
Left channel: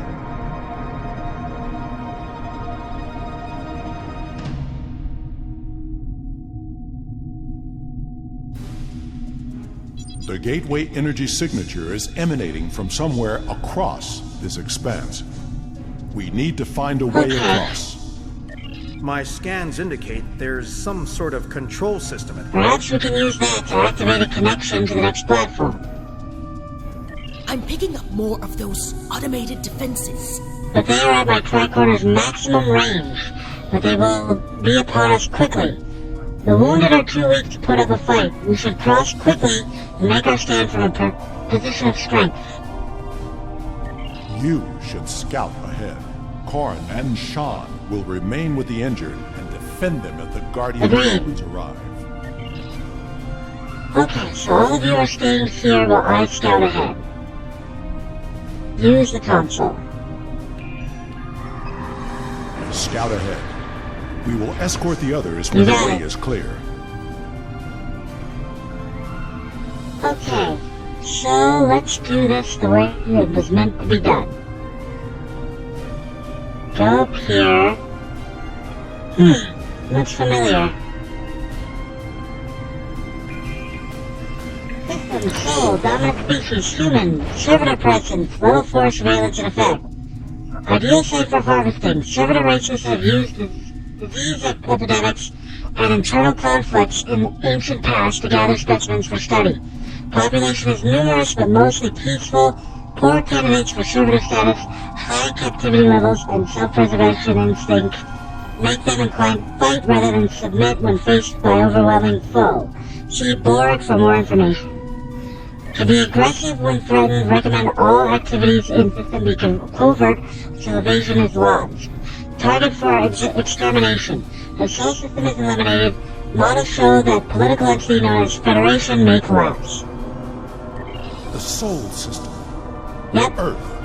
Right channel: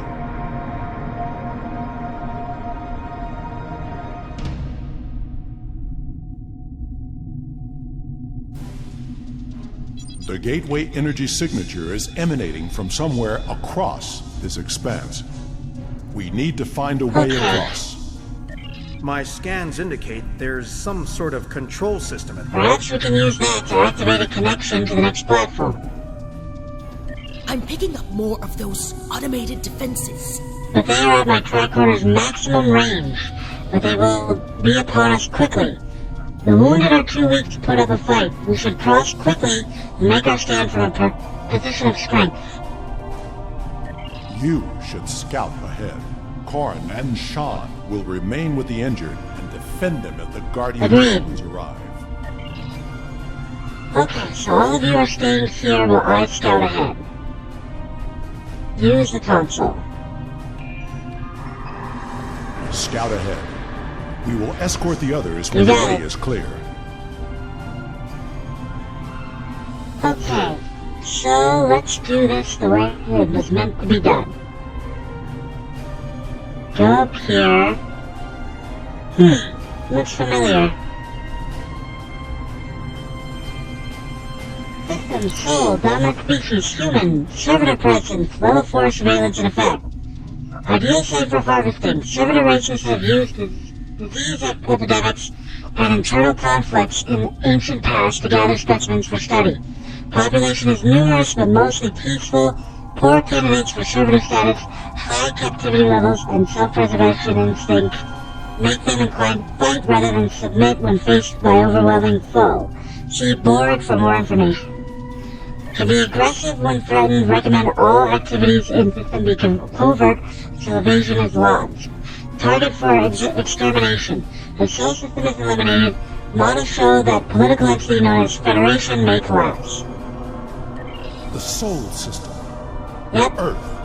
The gateway energy signature is emanating from somewhere across this expanse. We need to find a way across. My scans indicate there's some sort of control system at work. Perhaps we can use that to activate a connection to the next platform. I'm picking up more of those automated defenses. But they are at my tricorder's maximum range, but they will be upon us quickly. The wounded are too weak to put up a fight. We should cross quickly and make our stand from a position of strength. You should scout ahead. Corrin and Shan will remain with the injured and defend them if the Guardian Agreed. drones arrive. Okay, so all of you are staying here while I scout ahead. Use the console. Scout ahead. We will escort the others when the way is clear. Okay, so let's do this the way it was meant to be done. Go up here. Looks familiar. System, soul, dominant species, human, servitor presence, level 4 surveillance in effect. Ideal site for harvesting. Servitor races have used disease epidemics and internal conflicts in the ancient past to gather specimens for study. Population is numerous but mostly peaceful. Poor candidates for servitor status, high captivity levels, and self-preservation instinct make them inclined to fight rather than submit when faced by overwhelming foe. See Borg for more information. To be aggressive when threatened, recommend all activities in system be covert so evasion is lost. Target for extermination. If Soul System is eliminated, models show that political entity known as Federation may collapse. The Soul System. Yep. Earth.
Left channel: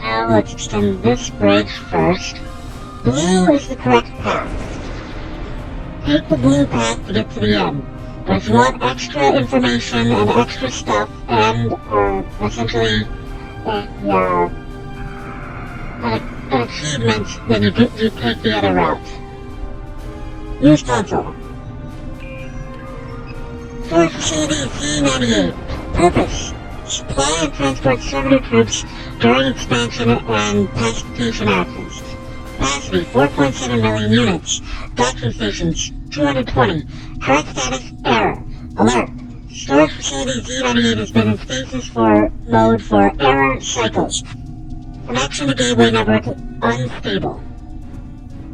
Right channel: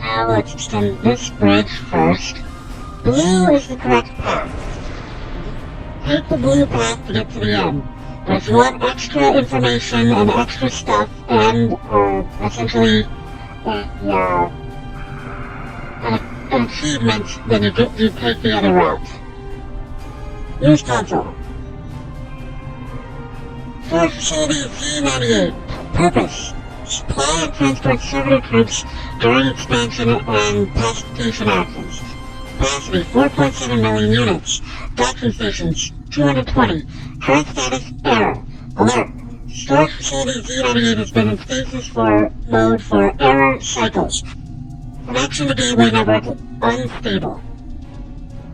Now let's extend this bridge first. Blue is the correct path. Take the blue path to get to the end. But if you want extra information and extra stuff and essentially an achievement, then you take the other route. Use console. Storage facility Z98. Purpose: supply and transport servitor troops during expansion and pacification actions. Capacity 4.7 million units. Docking stations 220. Current status error. Alert. Storage facility Z98 has been in stasis mode for error cycles. Connection to gateway network unstable.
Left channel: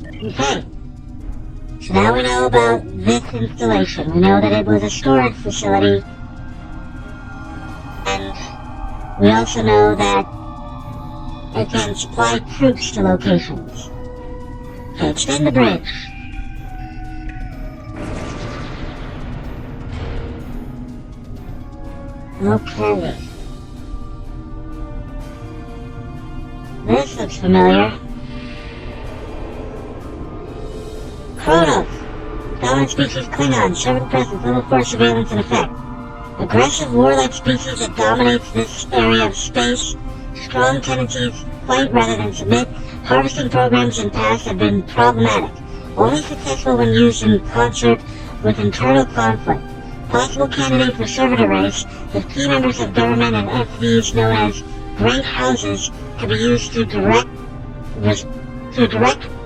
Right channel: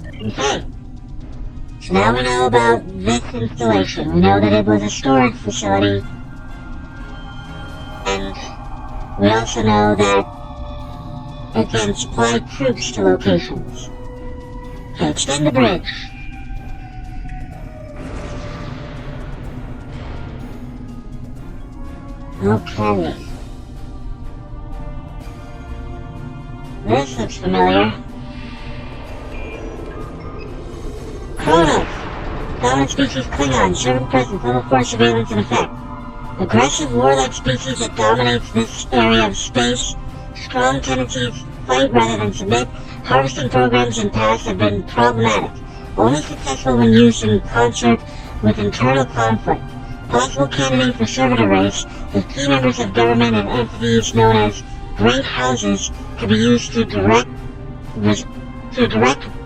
Okay. So now we know about this installation. We know that it was a storage facility. And we also know that it can supply troops to locations. Okay, extend the bridge. Okay. This looks familiar. Kronos! Dominant species Klingons, servant presence, level 4 surveillance in effect. Aggressive warlike species that dominates this area of space. Strong tendencies, fight rather than submit. Harvesting programs in past have been problematic. Only successful when used in concert with internal conflict. Possible candidate for servitor race, as key members of government and entities known as Great Houses to be used to direct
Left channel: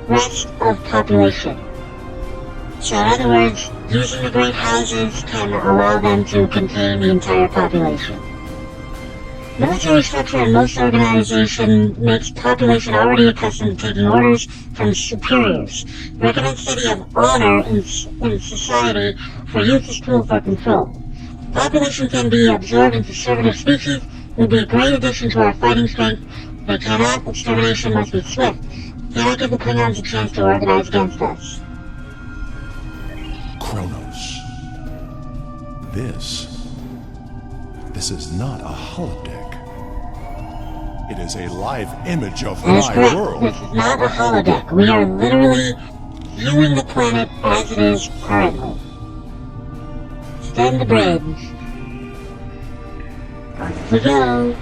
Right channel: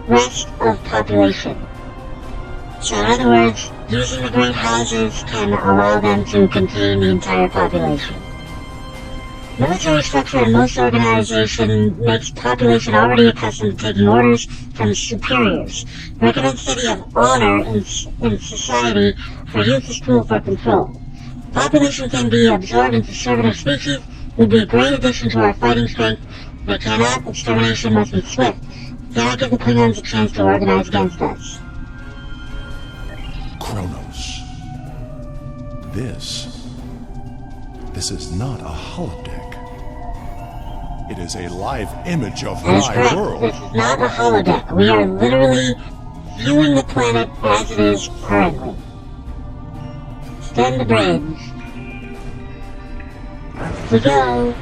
rest of population. So in other words, using the Great Houses can allow them to contain the entire population. Military structure in most organization makes population already accustomed to taking orders from superiors. Recommends study of honor in society for use as tool for control. Population can be absorbed into servitor species. It would be a great addition to our fighting strength. They cannot. Extermination must be swift. Cannot give the Klingons a chance to organize against us. Kronos. This is not a holodeck. It is a live image of my world. This is not a holodeck. We are literally viewing the planet as it is currently. Stand the bridge. We go.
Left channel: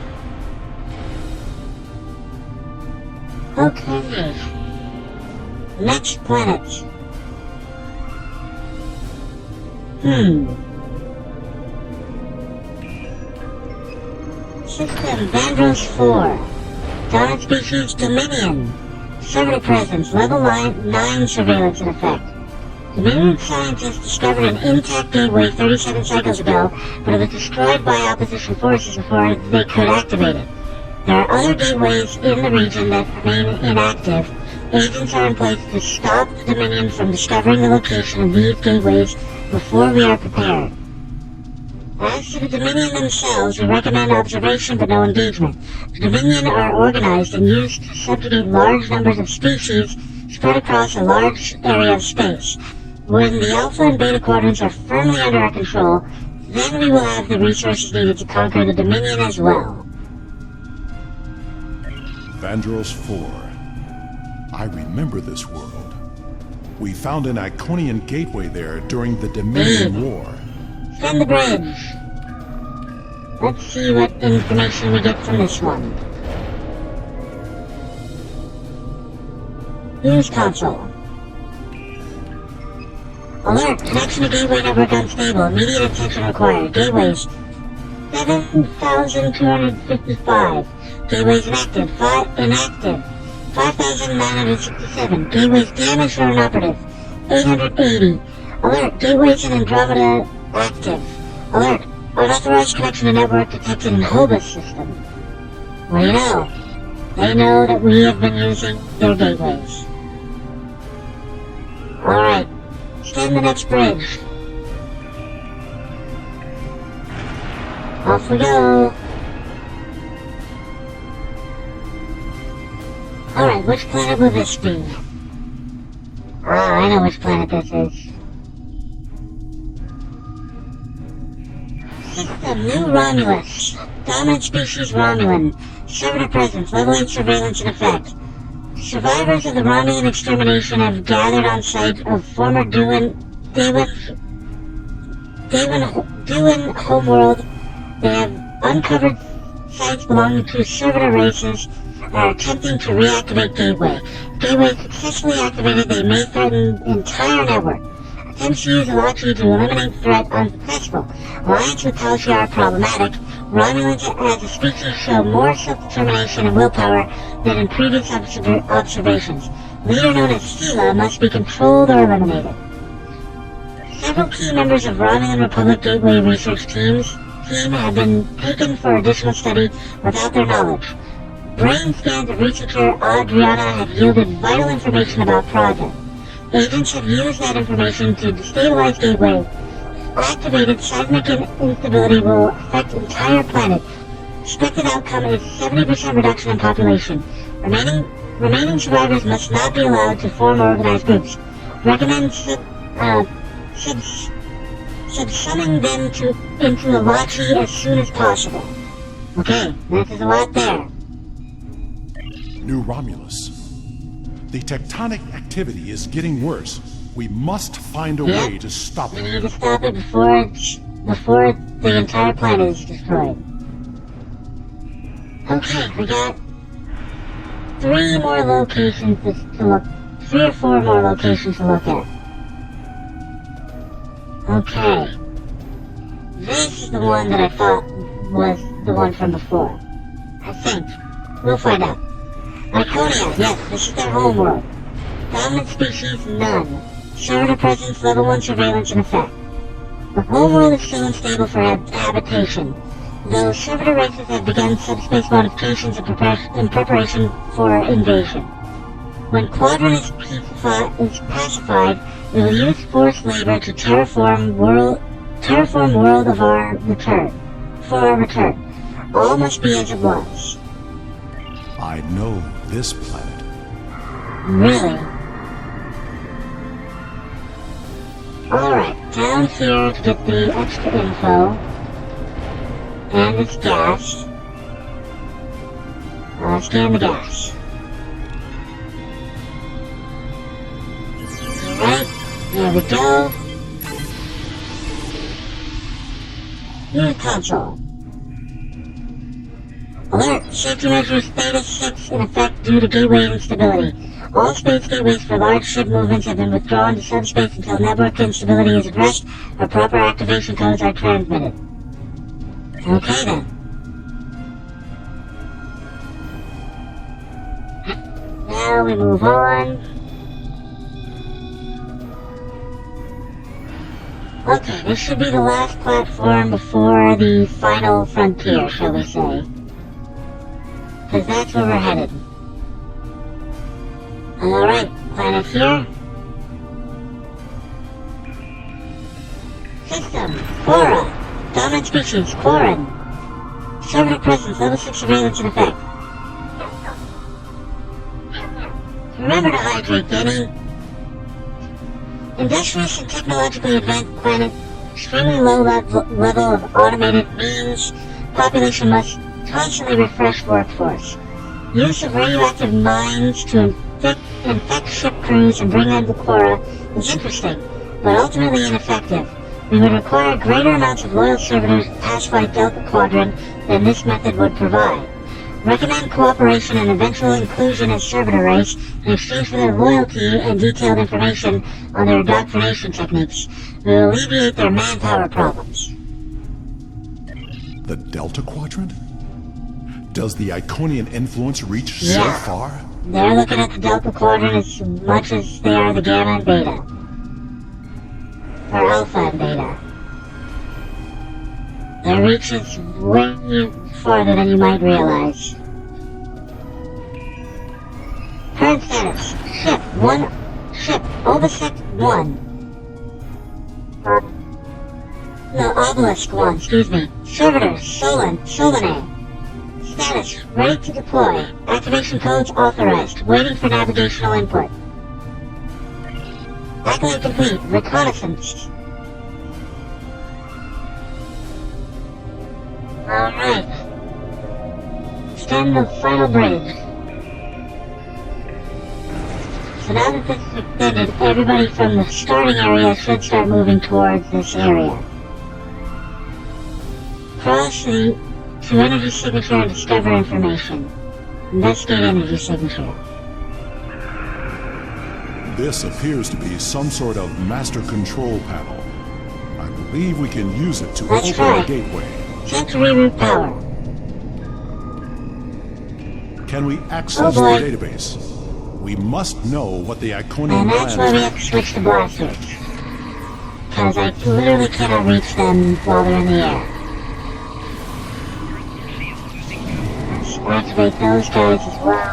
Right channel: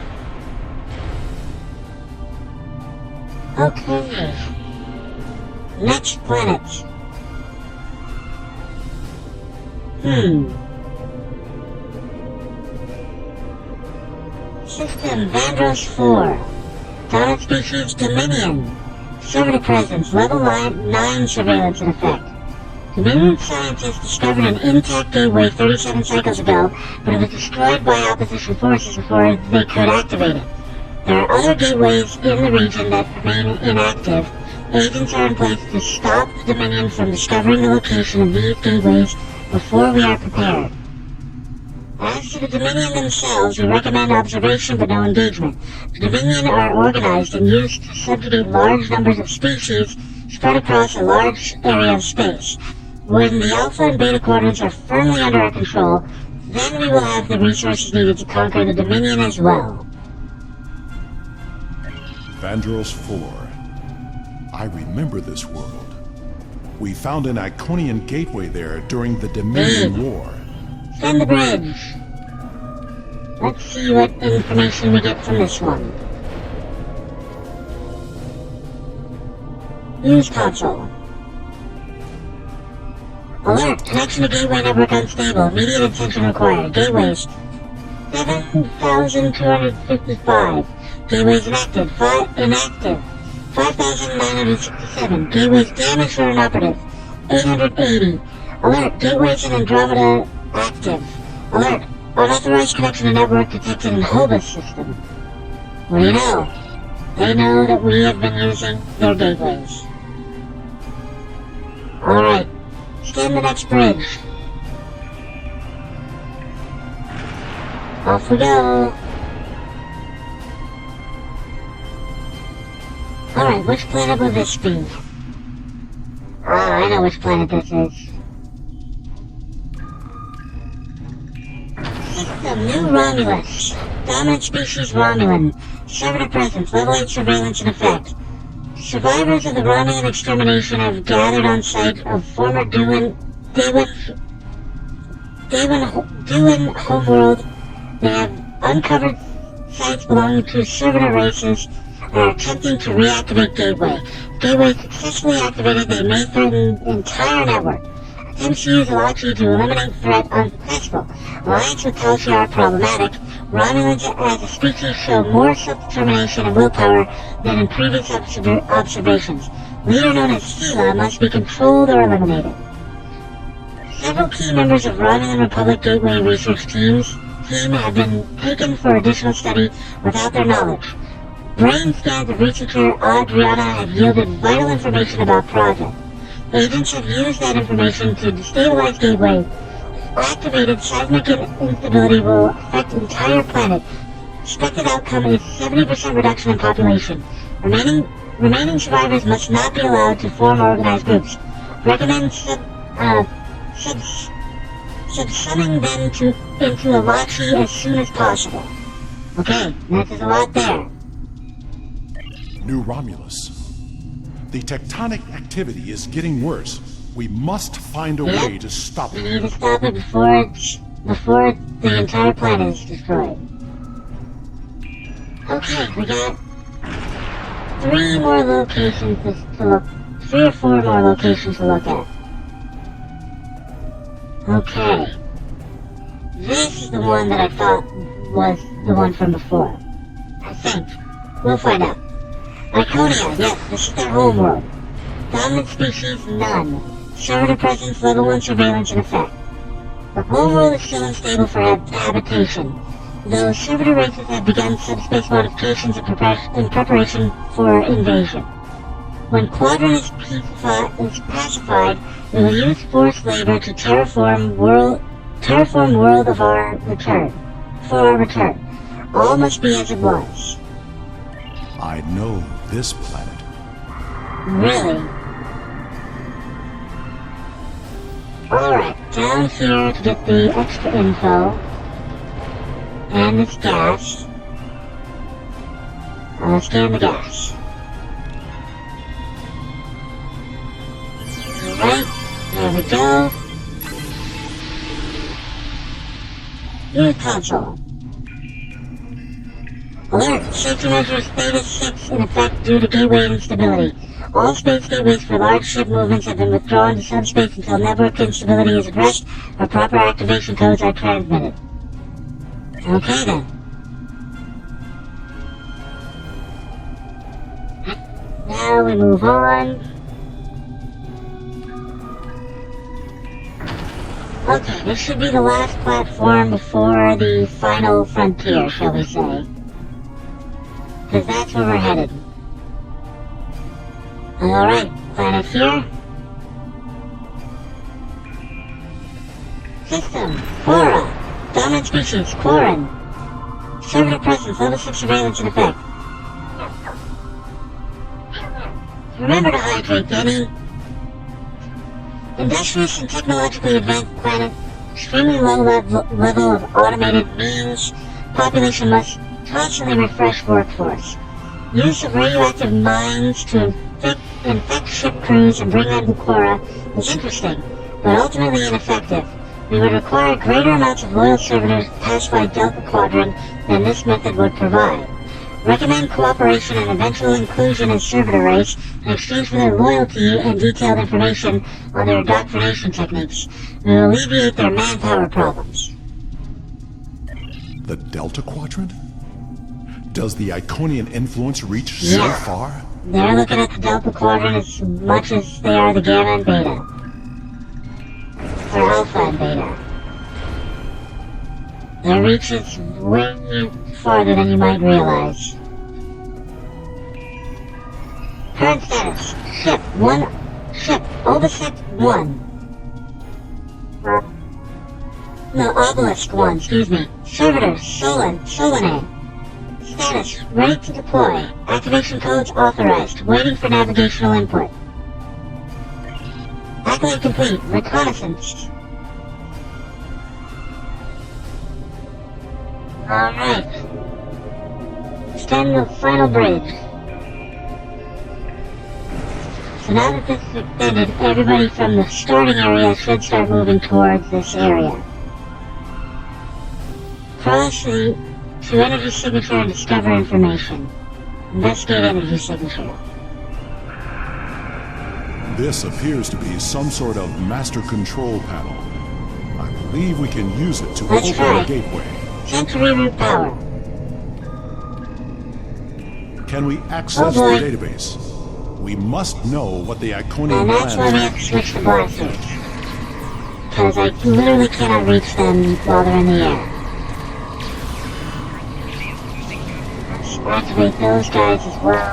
Okay. Next planet. System Vandros 4. Dominant species Dominion. Servitor presence. Level 9 surveillance in effect. Dominion scientists discovered an intact gateway 37 cycles ago, but it was destroyed by opposition forces before they could activate it. There are other gateways in the region that remain inactive. Agents are in place to stop the Dominion from discovering the location of these gateways before we are prepared. As to the Dominion themselves, we recommend observation but no engagement. The Dominion are organized and used to subjugate large numbers of species spread across a large area of space. When the Alpha and Beta quadrants are firmly under our control, then we will have the resources needed to conquer the Dominion as well. Vandros 4. I remember this world. We found an Iconian gateway there during the Dominion War. Send the bridge. Let's see what information we get from this one. Use console. Alert! Connection to gateway network unstable. Immediate attention required. Gateways 7,255. Gateways inactive. Inactive. 5,967. Gateways damaged or inoperative. 880. Alert! Gateways in Andromeda active. Alert! Unauthorized connection to network detected in Hobus system. What do you know? They know that we have been using their gateways. Alright. Scan the next bridge. Off we go. Alright, which planet will this be? Oh, I know which planet this is. System New Romulus. Dominant species Romulan. Servitor presence. Level 8 surveillance in effect. Survivors of the Romulan extermination have gathered on site of former Duin homeworld. They have uncovered sites belonging to servitor races and are attempting to reactivate Gateway. Gateway successfully activated, they may threaten the entire network. Attempts to use Elachi to eliminate threat unsuccessful. Alliance with Toshi are problematic. Romulans as a species show more self-determination and willpower than in previous observations. Leader known as Sela must be controlled or eliminated. Several key members of Romulan Republic Gateway research team have been taken for additional study without their knowledge. Brain scans of researcher Adriana have yielded vital information about project. Agents have used that information to destabilize Gateway. Activated seismic instability will affect the entire planet. Expected outcome is 70% reduction in population. Remaining survivors must not be allowed to form organized groups. Recommend subsuming them into Elachi as soon as possible. Okay, there's a lot there. New Romulus. The tectonic activity is getting worse. We must find a way to stop We it. need to stop it before the entire planet is destroyed. Okay, we got 3 more locations to look. 3 or 4 more locations to look at. Okay. This is the one that I thought was the one from before. I think. We'll find out. Iconia, yes, this is their homeworld. Dominant species, none. Servitor presence, level 1 surveillance in effect. The homeworld is still unstable for habitation, though servitor races have begun subspace modifications in preparation for invasion. When Quadrant is pacified, we will use forced labor to terraform world of our return. For our return. All must be as it was. I know this planet. Really? Alright, down here to get the extra info. And this gas. Scan the gas. Alright, there we go. New console. Alert! Safety measures Beta 6 in effect due to gateway instability. All space gateways for large ship movements have been withdrawn to subspace until network instability is addressed or proper activation codes are transmitted. Okay then. Now we move on. Okay, this should be the last platform before the final frontier, shall we say. Because that's where we're headed. Alright, planet here. System, Quora. Dominant species, Quarren. Servitor presence, level 6 surveillance in effect. Remember to hydrate, Denny. Industrious and technologically advanced planet, extremely low level of automated means, population must constantly refresh workforce. Use of radioactive mines to infect ship crews and bring them to Quora is interesting, but ultimately ineffective. We would require greater amounts of loyal servitors to pacify Delta Quadrant than this method would provide. Recommend cooperation and eventual inclusion as servitor race in exchange for their loyalty and detailed information on their indoctrination techniques. We will alleviate their manpower problems. The Delta Quadrant? Does the Iconian influence reach so far? They're looking at the Delta Quadrant as much as they are the Gamma and Beta. Or Alpha and Beta. Their reach is way farther than you might realize. Current status. Ship 1. Ship Obelisk 1. No, Obelisk 1, excuse me. Servitor Solanae. Status, ready to deploy. Activation codes authorized. Waiting for navigational input. Accolade complete. Reconnaissance. Alright. Extend the final bridge. So now that this is extended, everybody from the starting area should start moving towards this area. Cross to energy signature and discover information. Investigate energy signature. This appears to be some sort of master control panel. I believe we can use it to That's open right. a gateway. Sensor reroute power. Can we access the database? We must know what the Iconian And that's why we plans have to switch the blasters. Because I literally cannot reach them while they're in the air. Let's activate those guys as well.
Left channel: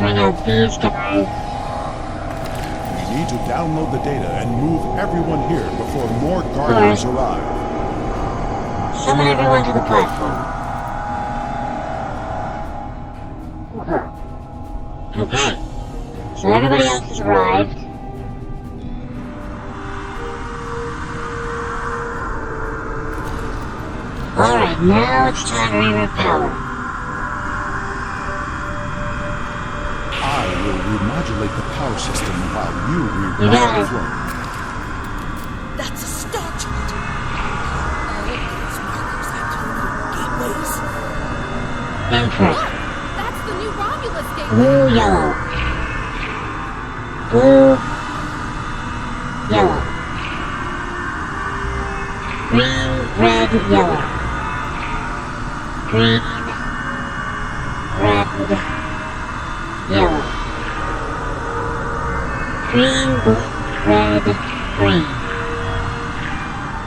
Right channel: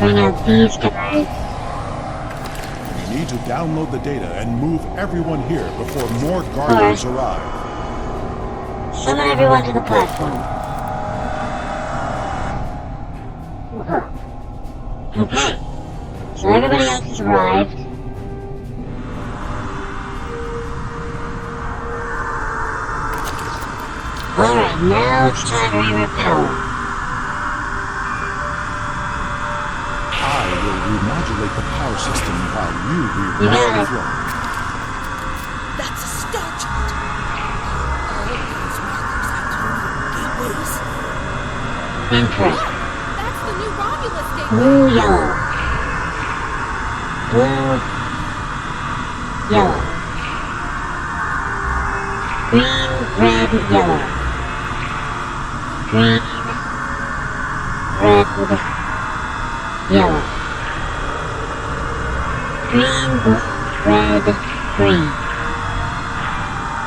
Bring out these guys. We need to download the data and move everyone here before more Guardians arrive. Summon everyone to the platform. Okay. So everybody else has arrived. Alright, now it's time to reroute power. I will modulate the power system while you reroute the flow. That's a star chart. All these markers are coded gateways. Incorrect. Look! That's the new Romulus gateway! Blue, yellow. Blue, yellow. Green, red, yellow. Green, red, yellow. Green, red, green.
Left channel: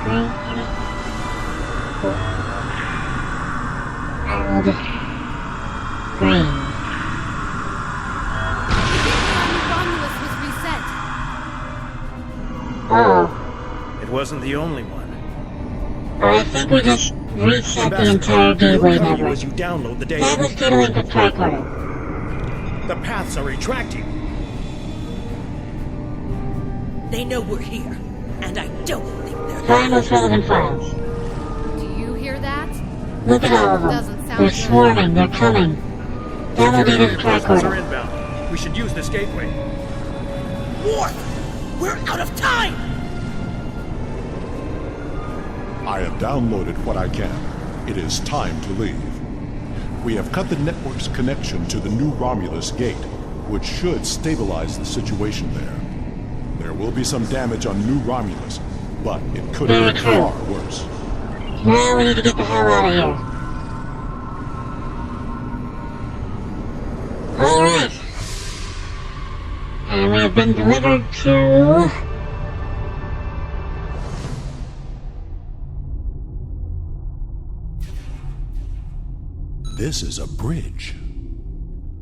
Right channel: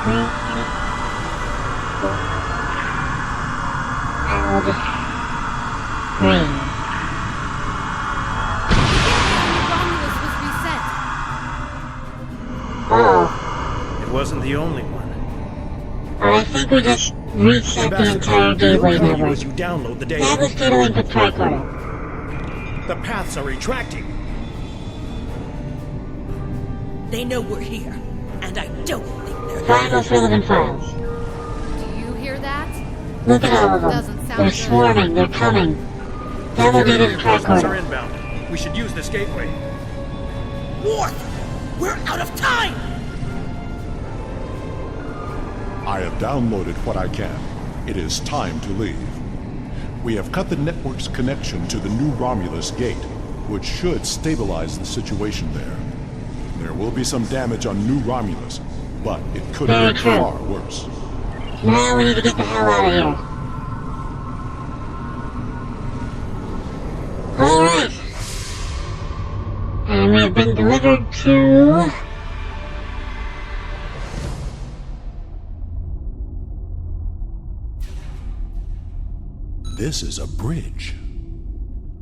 Green, red, green. The gateway on New Romulus was reset. Oh, It wasn't the only one. I think we just reset the entire gateway we'll cover you network. as you download the That data. was dealing with tricorder. The paths are retracting. They know we're here, and I don't think they're Find most relevant files. Do you hear that? Look at all of them. Doesn't sound They're good. swarming. They're coming. Download Security the reinforcements are tricorder. inbound. We should use this gateway. Worf! We're out of time! I have downloaded what I can. It is time to leave. We have cut the network's connection to the new Romulus gate, which should stabilize the situation there. There will be some damage on New Romulus, but it could have been far worse. Now we need to get the hell out of here. Alright. And we have been delivered to... This is a bridge.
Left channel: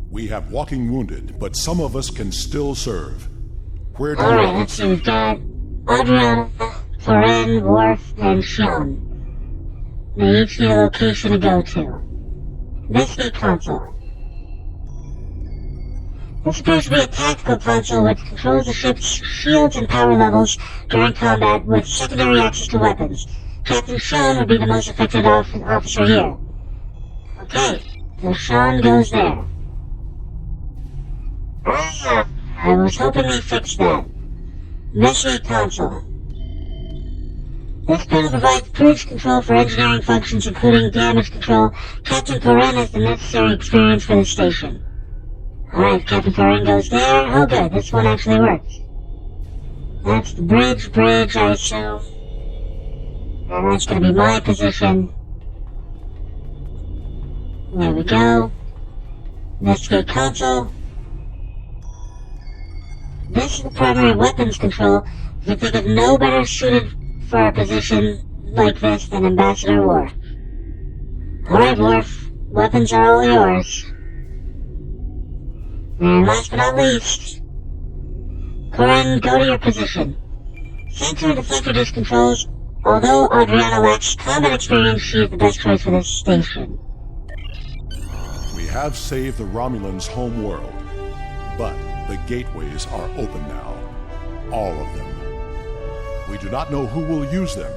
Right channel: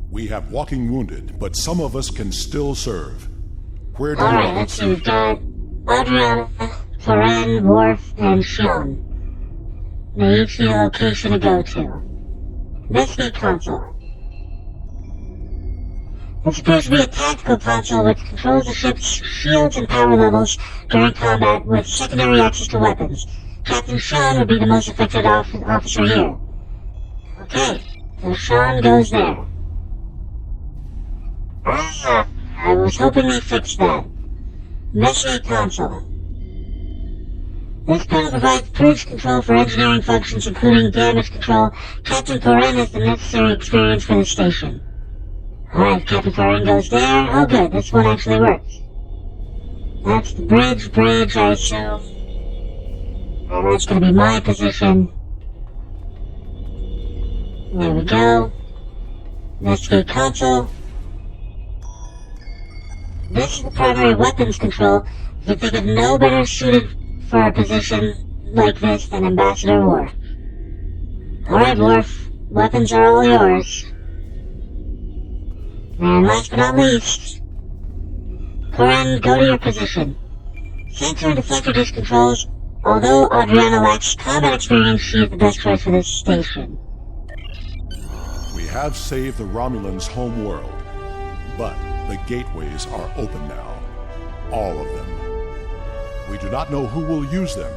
We have walking wounded, but some of us can still serve. Where do Alright, you let's see. We've got Adriana, Florin, Worf, and Sean. They each need a location to go to. Investigate console. This appears to be a tactical console which controls the ship's shields and power levels during combat with secondary access to weapons. Captain Sean would be the most effective officer here. Okay, so Sean goes there. I was hoping they fixed that. Investigate console. This panel provides cruise control for engineering functions, including damage control. Captain Corin has the necessary experience for the station. Alright, Captain Corin goes there. Oh good, this one actually works. That's the bridge, I assume. And that's gonna be my position. There we go. Investigate console. This is the primary weapons control. You think of no better suited for a position like this than Ambassador Worf. Alright, Worf. Weapons are all yours. And last but not least, Corin, go to your position. Sensor and deflector disc controls. Although Adriana lacks combat experience, she is the best choice for this station. We have saved the Romulans' home world, but the gateways are open now. All of them. We do not know who will use them.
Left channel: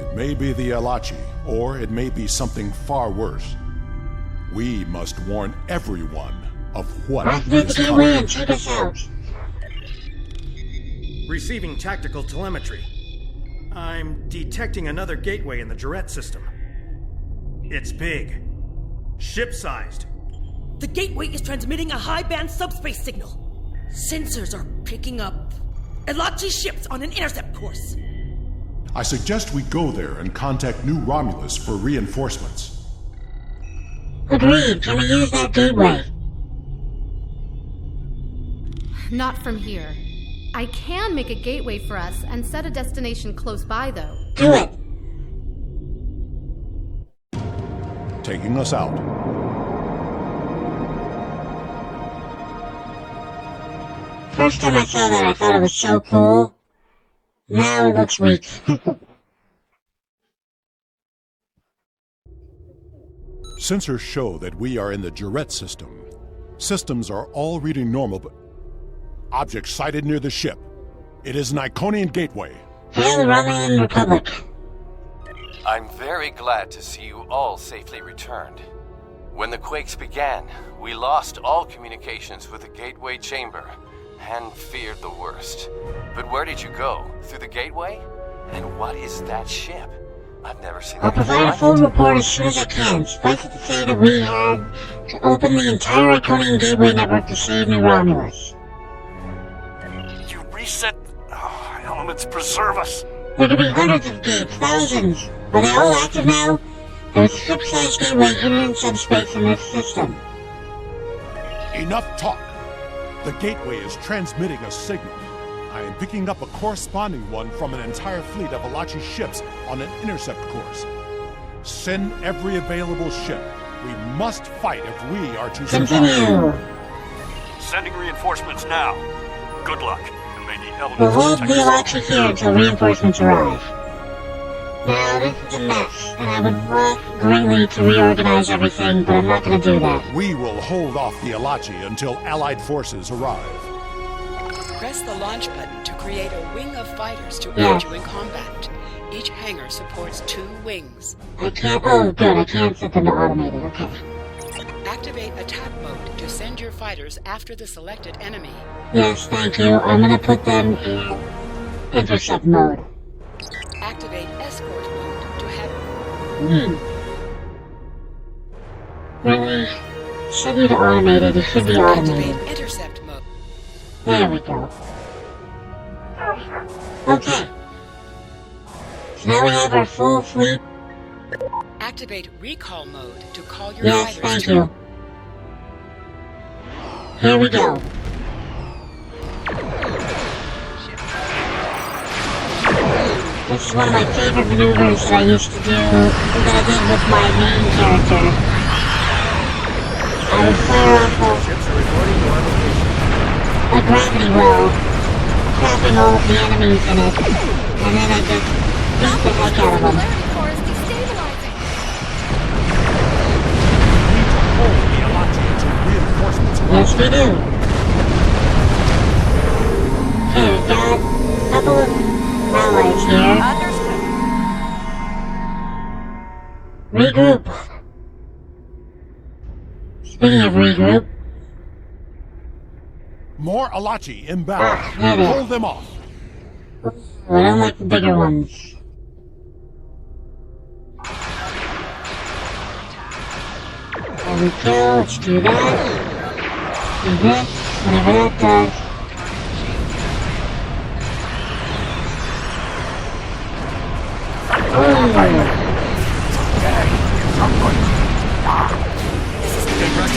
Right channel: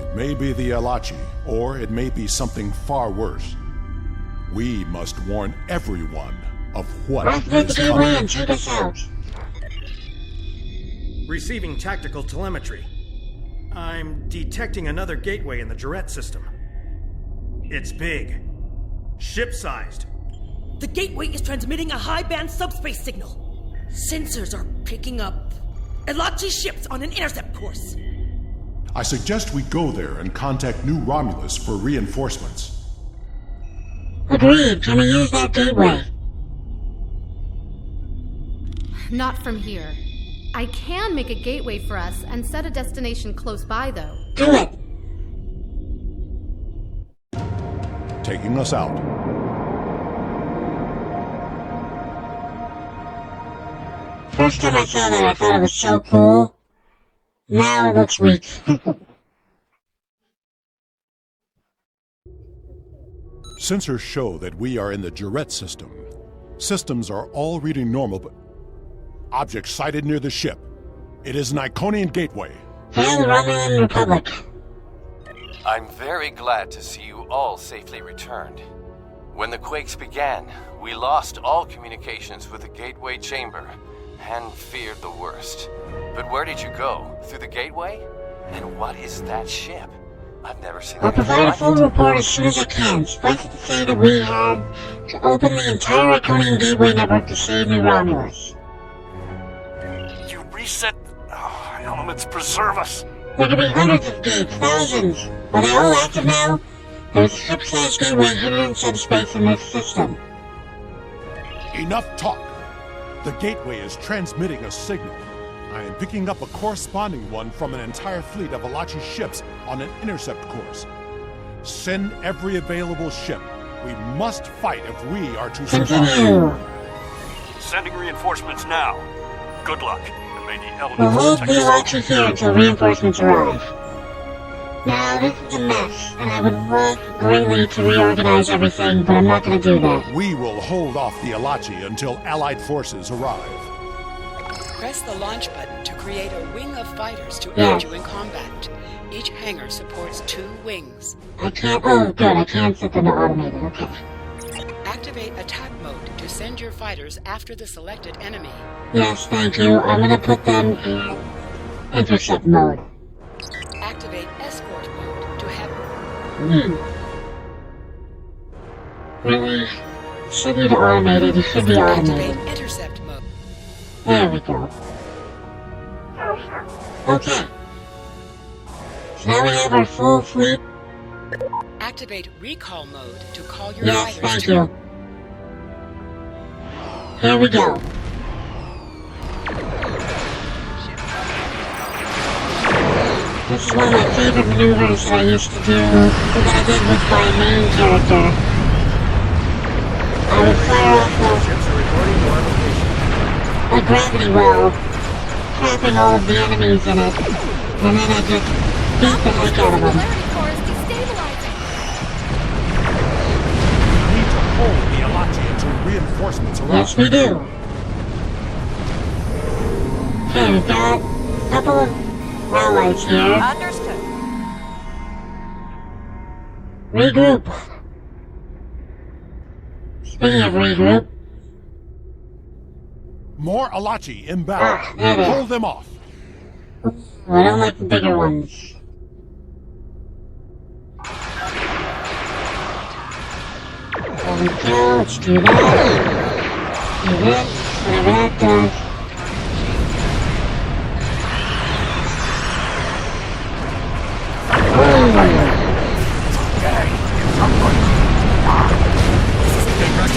It may be the Alachi, or it may be something far worse. We must warn everyone of what Activate is the gateway coming. and take us out. Receiving tactical telemetry. I'm detecting another gateway in the Jarrett system. It's big. Ship-sized. The gateway is transmitting a high-band subspace signal. Sensors are picking up Elachi ships on an intercept course. I suggest we go there and contact New Romulus for reinforcements. Agreed. Can we use that gateway? Not from here. I can make a gateway for us and set a destination close by, though. Do it. Taking us out. First time I saw that, I thought it was so cool. Now it looks weak. Sensors show that we are in the Jarrett system. Systems are all reading normal, but object sighted near the ship. It is an Iconian gateway. Hail the Romulan Republic. I'm very glad to see you all safely returned. When the quakes began, We lost all communications with the gateway chamber and feared the worst. But where did you go? Through the gateway? And what is that ship? I've never seen I'll anything provide a like full it. report as soon as I can. Suffice it to say that we have to open the entire Iconian Gateway network to save New Romulus. You reset... elements preserve us. There could be hundreds of gates, thousands. Are they all active now? There's a ship-sized gateway hidden in subspace in this system. Enough talk! The gateway is transmitting a signal. I am picking up a corresponding one from an entire fleet of Alachi ships on an intercept course. Send every available ship. We must fight if we are to survive. Continue. Sending reinforcements now. Good luck, and may the We'll elements hold the protect us all. Alachi here until reinforcements arrive. Now, this is a mess, and I would love greatly to reorganize everything, but I'm not going to do that. We will hold off the Alachi until Allied forces arrive. Press the launch button to create a wing of fighters to Yeah. aid you in combat. Each hangar supports 2 wings. I can't. Oh, good. I can't set them to automated. Okay. Activate attack mode to send your fighters after the selected enemy. Yes, thank you. I'm going to put them in intercept mode. Activate escort mode to have... Really? Should be automated. You should be automated. Activate intercept mode. There we go. Okay. So now we have our full fleet. Activate recall mode to call your Yes, fighters thank to... you. Here we go. This is one of my favorite maneuvers that I used to do that I did with my main character. I would fire off Ships are reporting to our location. a gravity well, trapping all of the enemies in it, and then I just beat the heck out of them. Polarity core is destabilizing. We need to hold the Alachi until reinforcements arrive. Yes, we do. Okay, we've got a couple of railways here. Understood. Regroup. Speaking of regroup, More Alachi inbound. there they are. Hold them off. I don't like the bigger ones. There we go, let's do that. Do this, whatever that does.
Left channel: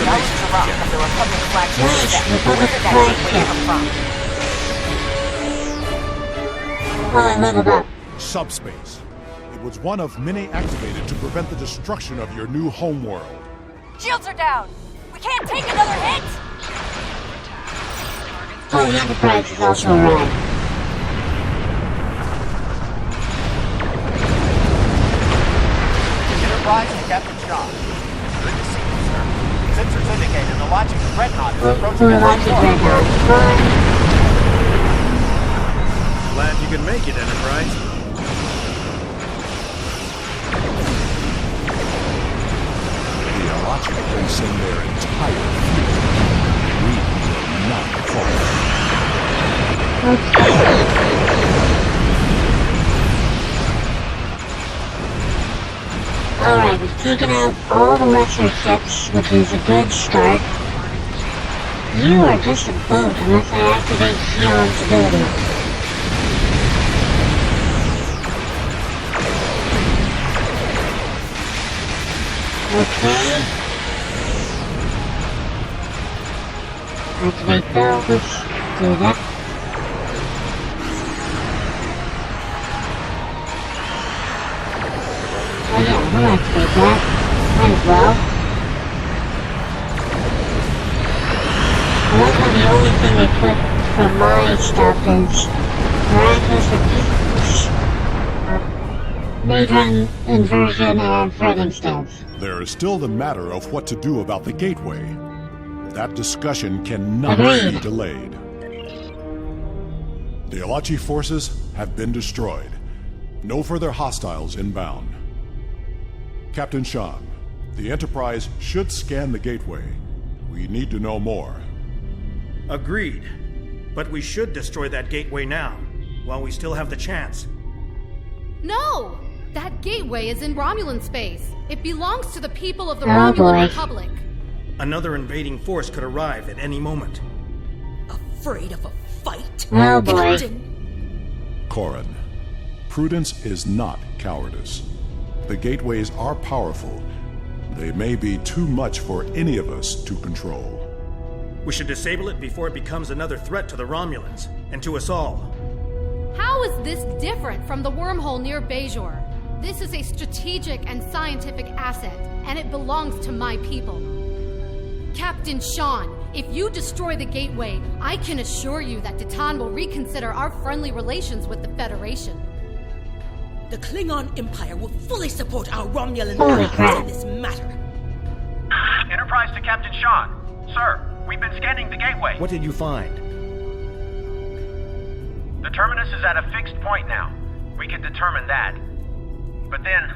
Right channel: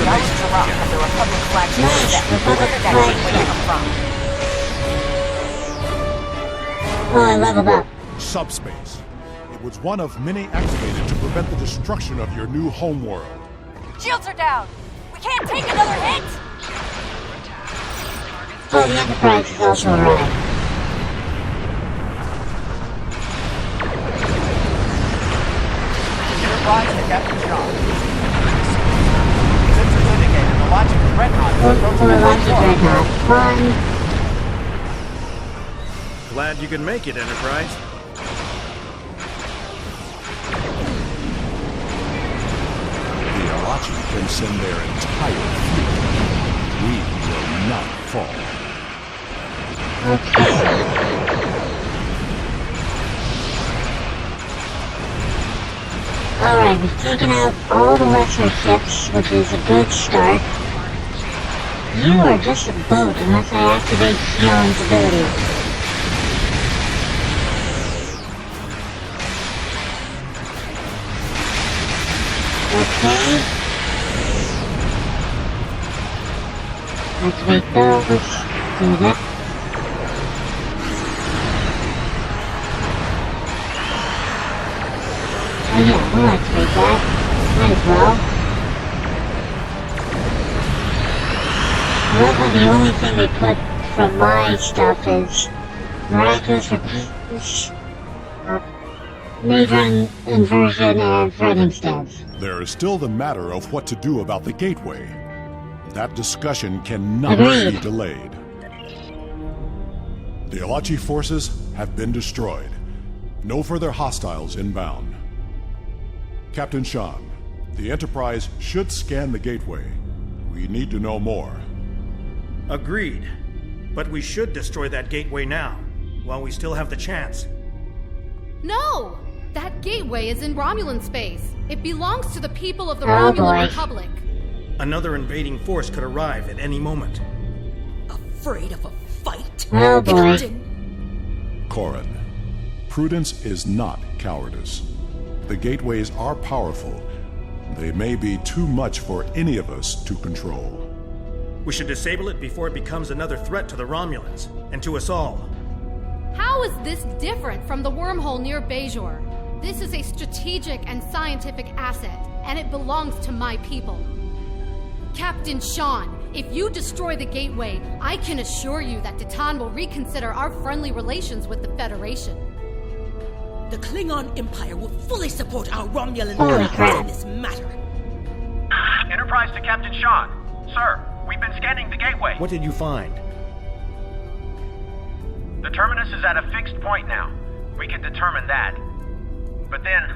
Thousands of rock from the Republic flagship set. Where did that gateway come from? Oh, I leveled up. Subspace. It was one of many activated to prevent the destruction of your new homeworld. Shields are down. We can't take another hit. Oh, the Enterprise is also around. Enterprise to Captain John. Good to see you, sir. Sensors indicated the launching Dreadnought is approaching at high point. Glad you could make it, Enterprise. The Alachi can send their entire fleet. We will not fall. Alright, we've taken out all the retro ships, which is a good start. You are just a boat unless I activate John's ability. Okay. Activate those. Do that. Oh yeah, I'll activate that. Might as well. However, the only thing I put from my stuff is miraculous major inversion of fighting stance. There is still the matter of what to do about the gateway. That discussion cannot Agreed. be delayed. The Alachi forces have been destroyed. No further hostiles inbound. Captain Shan, the Enterprise should scan the gateway. We need to know more. Agreed. But we should destroy that gateway now, while we still have the chance. No! That gateway is in Romulan space. It belongs to the people of the Romulan Republic. Another invading force could arrive at any moment. Afraid of a fight, Oh boy. Captain? Corrin, prudence is not cowardice. The gateways are powerful. They may be too much for any of us to control. We should disable it before it becomes another threat to the Romulans, and to us all. How is this different from the wormhole near Bajor? This is a strategic and scientific asset, and it belongs to my people. Captain Sean, if you destroy the gateway, I can assure you that Titan will reconsider our friendly relations with the Federation. The Klingon Empire will fully support our Romulan allies in this matter. Enterprise to Captain Sean. Sir, we've been scanning the gateway. What did you find? The terminus is at a fixed point now. We can determine that. But then,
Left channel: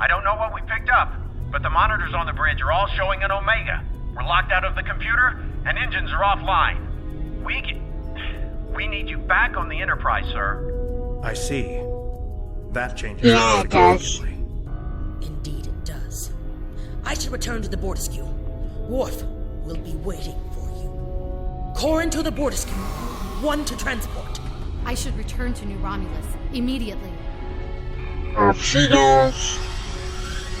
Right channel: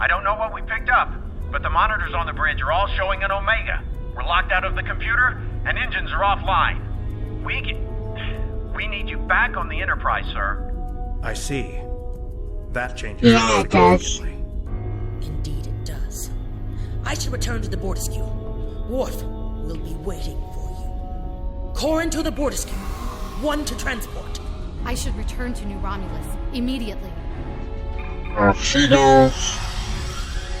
I don't know what we picked up, but the monitors on the bridge are all showing an Omega. We're locked out of the computer, and engines are offline. We need you back on the Enterprise, sir. I see. That changes things significantly. Indeed it does. I should return to the Bortisque. Worf will be waiting for you. Corrin to the Bortisque. One to transport. I should return to New Romulus immediately. She goes.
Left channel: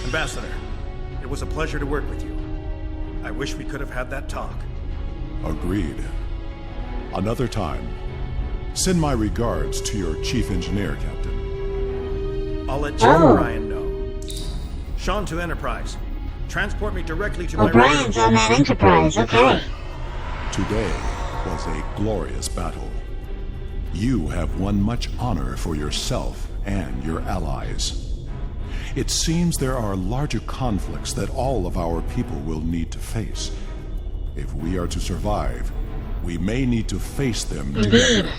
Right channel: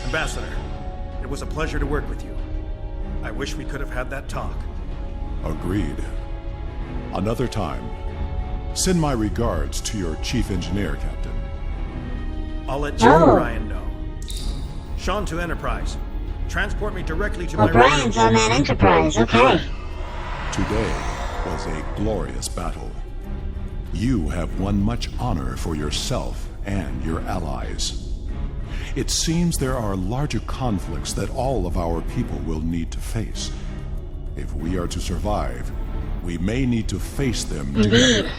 Ambassador, it was a pleasure to work with you. I wish we could have had that talk. Agreed. Another time. Send my regards to your chief engineer, Captain. I'll let Joe O'Brien know. Sean to Enterprise. Transport me directly to my O'Brien's on that Enterprise, okay. Today was a glorious battle. You have won much honor for yourself and your allies. It seems there are larger conflicts that all of our people will need to face. If we are to survive, we may need to face them together.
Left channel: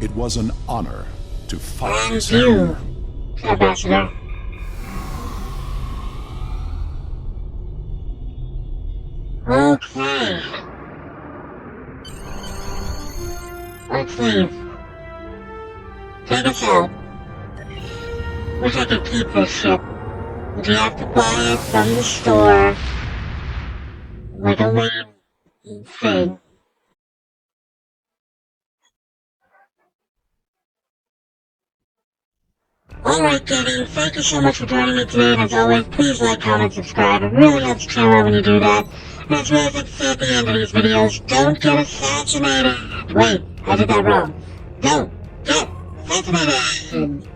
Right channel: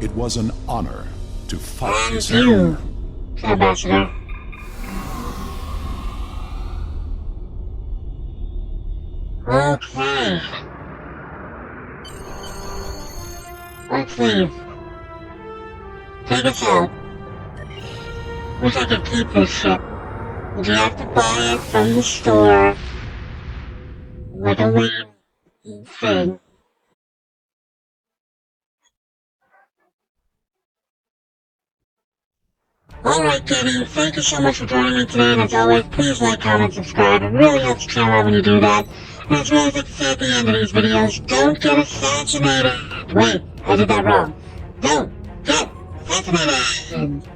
It was an honor to fight this you, Ambassador. Okay. Let's leave. Take us out. Wish I could keep this ship. Would you have to buy it from the store? Like a lame thing. Alright, Katie, thank you so much for joining me today, and as always, please like, comment, subscribe. It really helps the channel out when you do that. And as well as like to say at the end of these videos, don't get assassinated. Wait, I did that wrong. Don't get assassinated.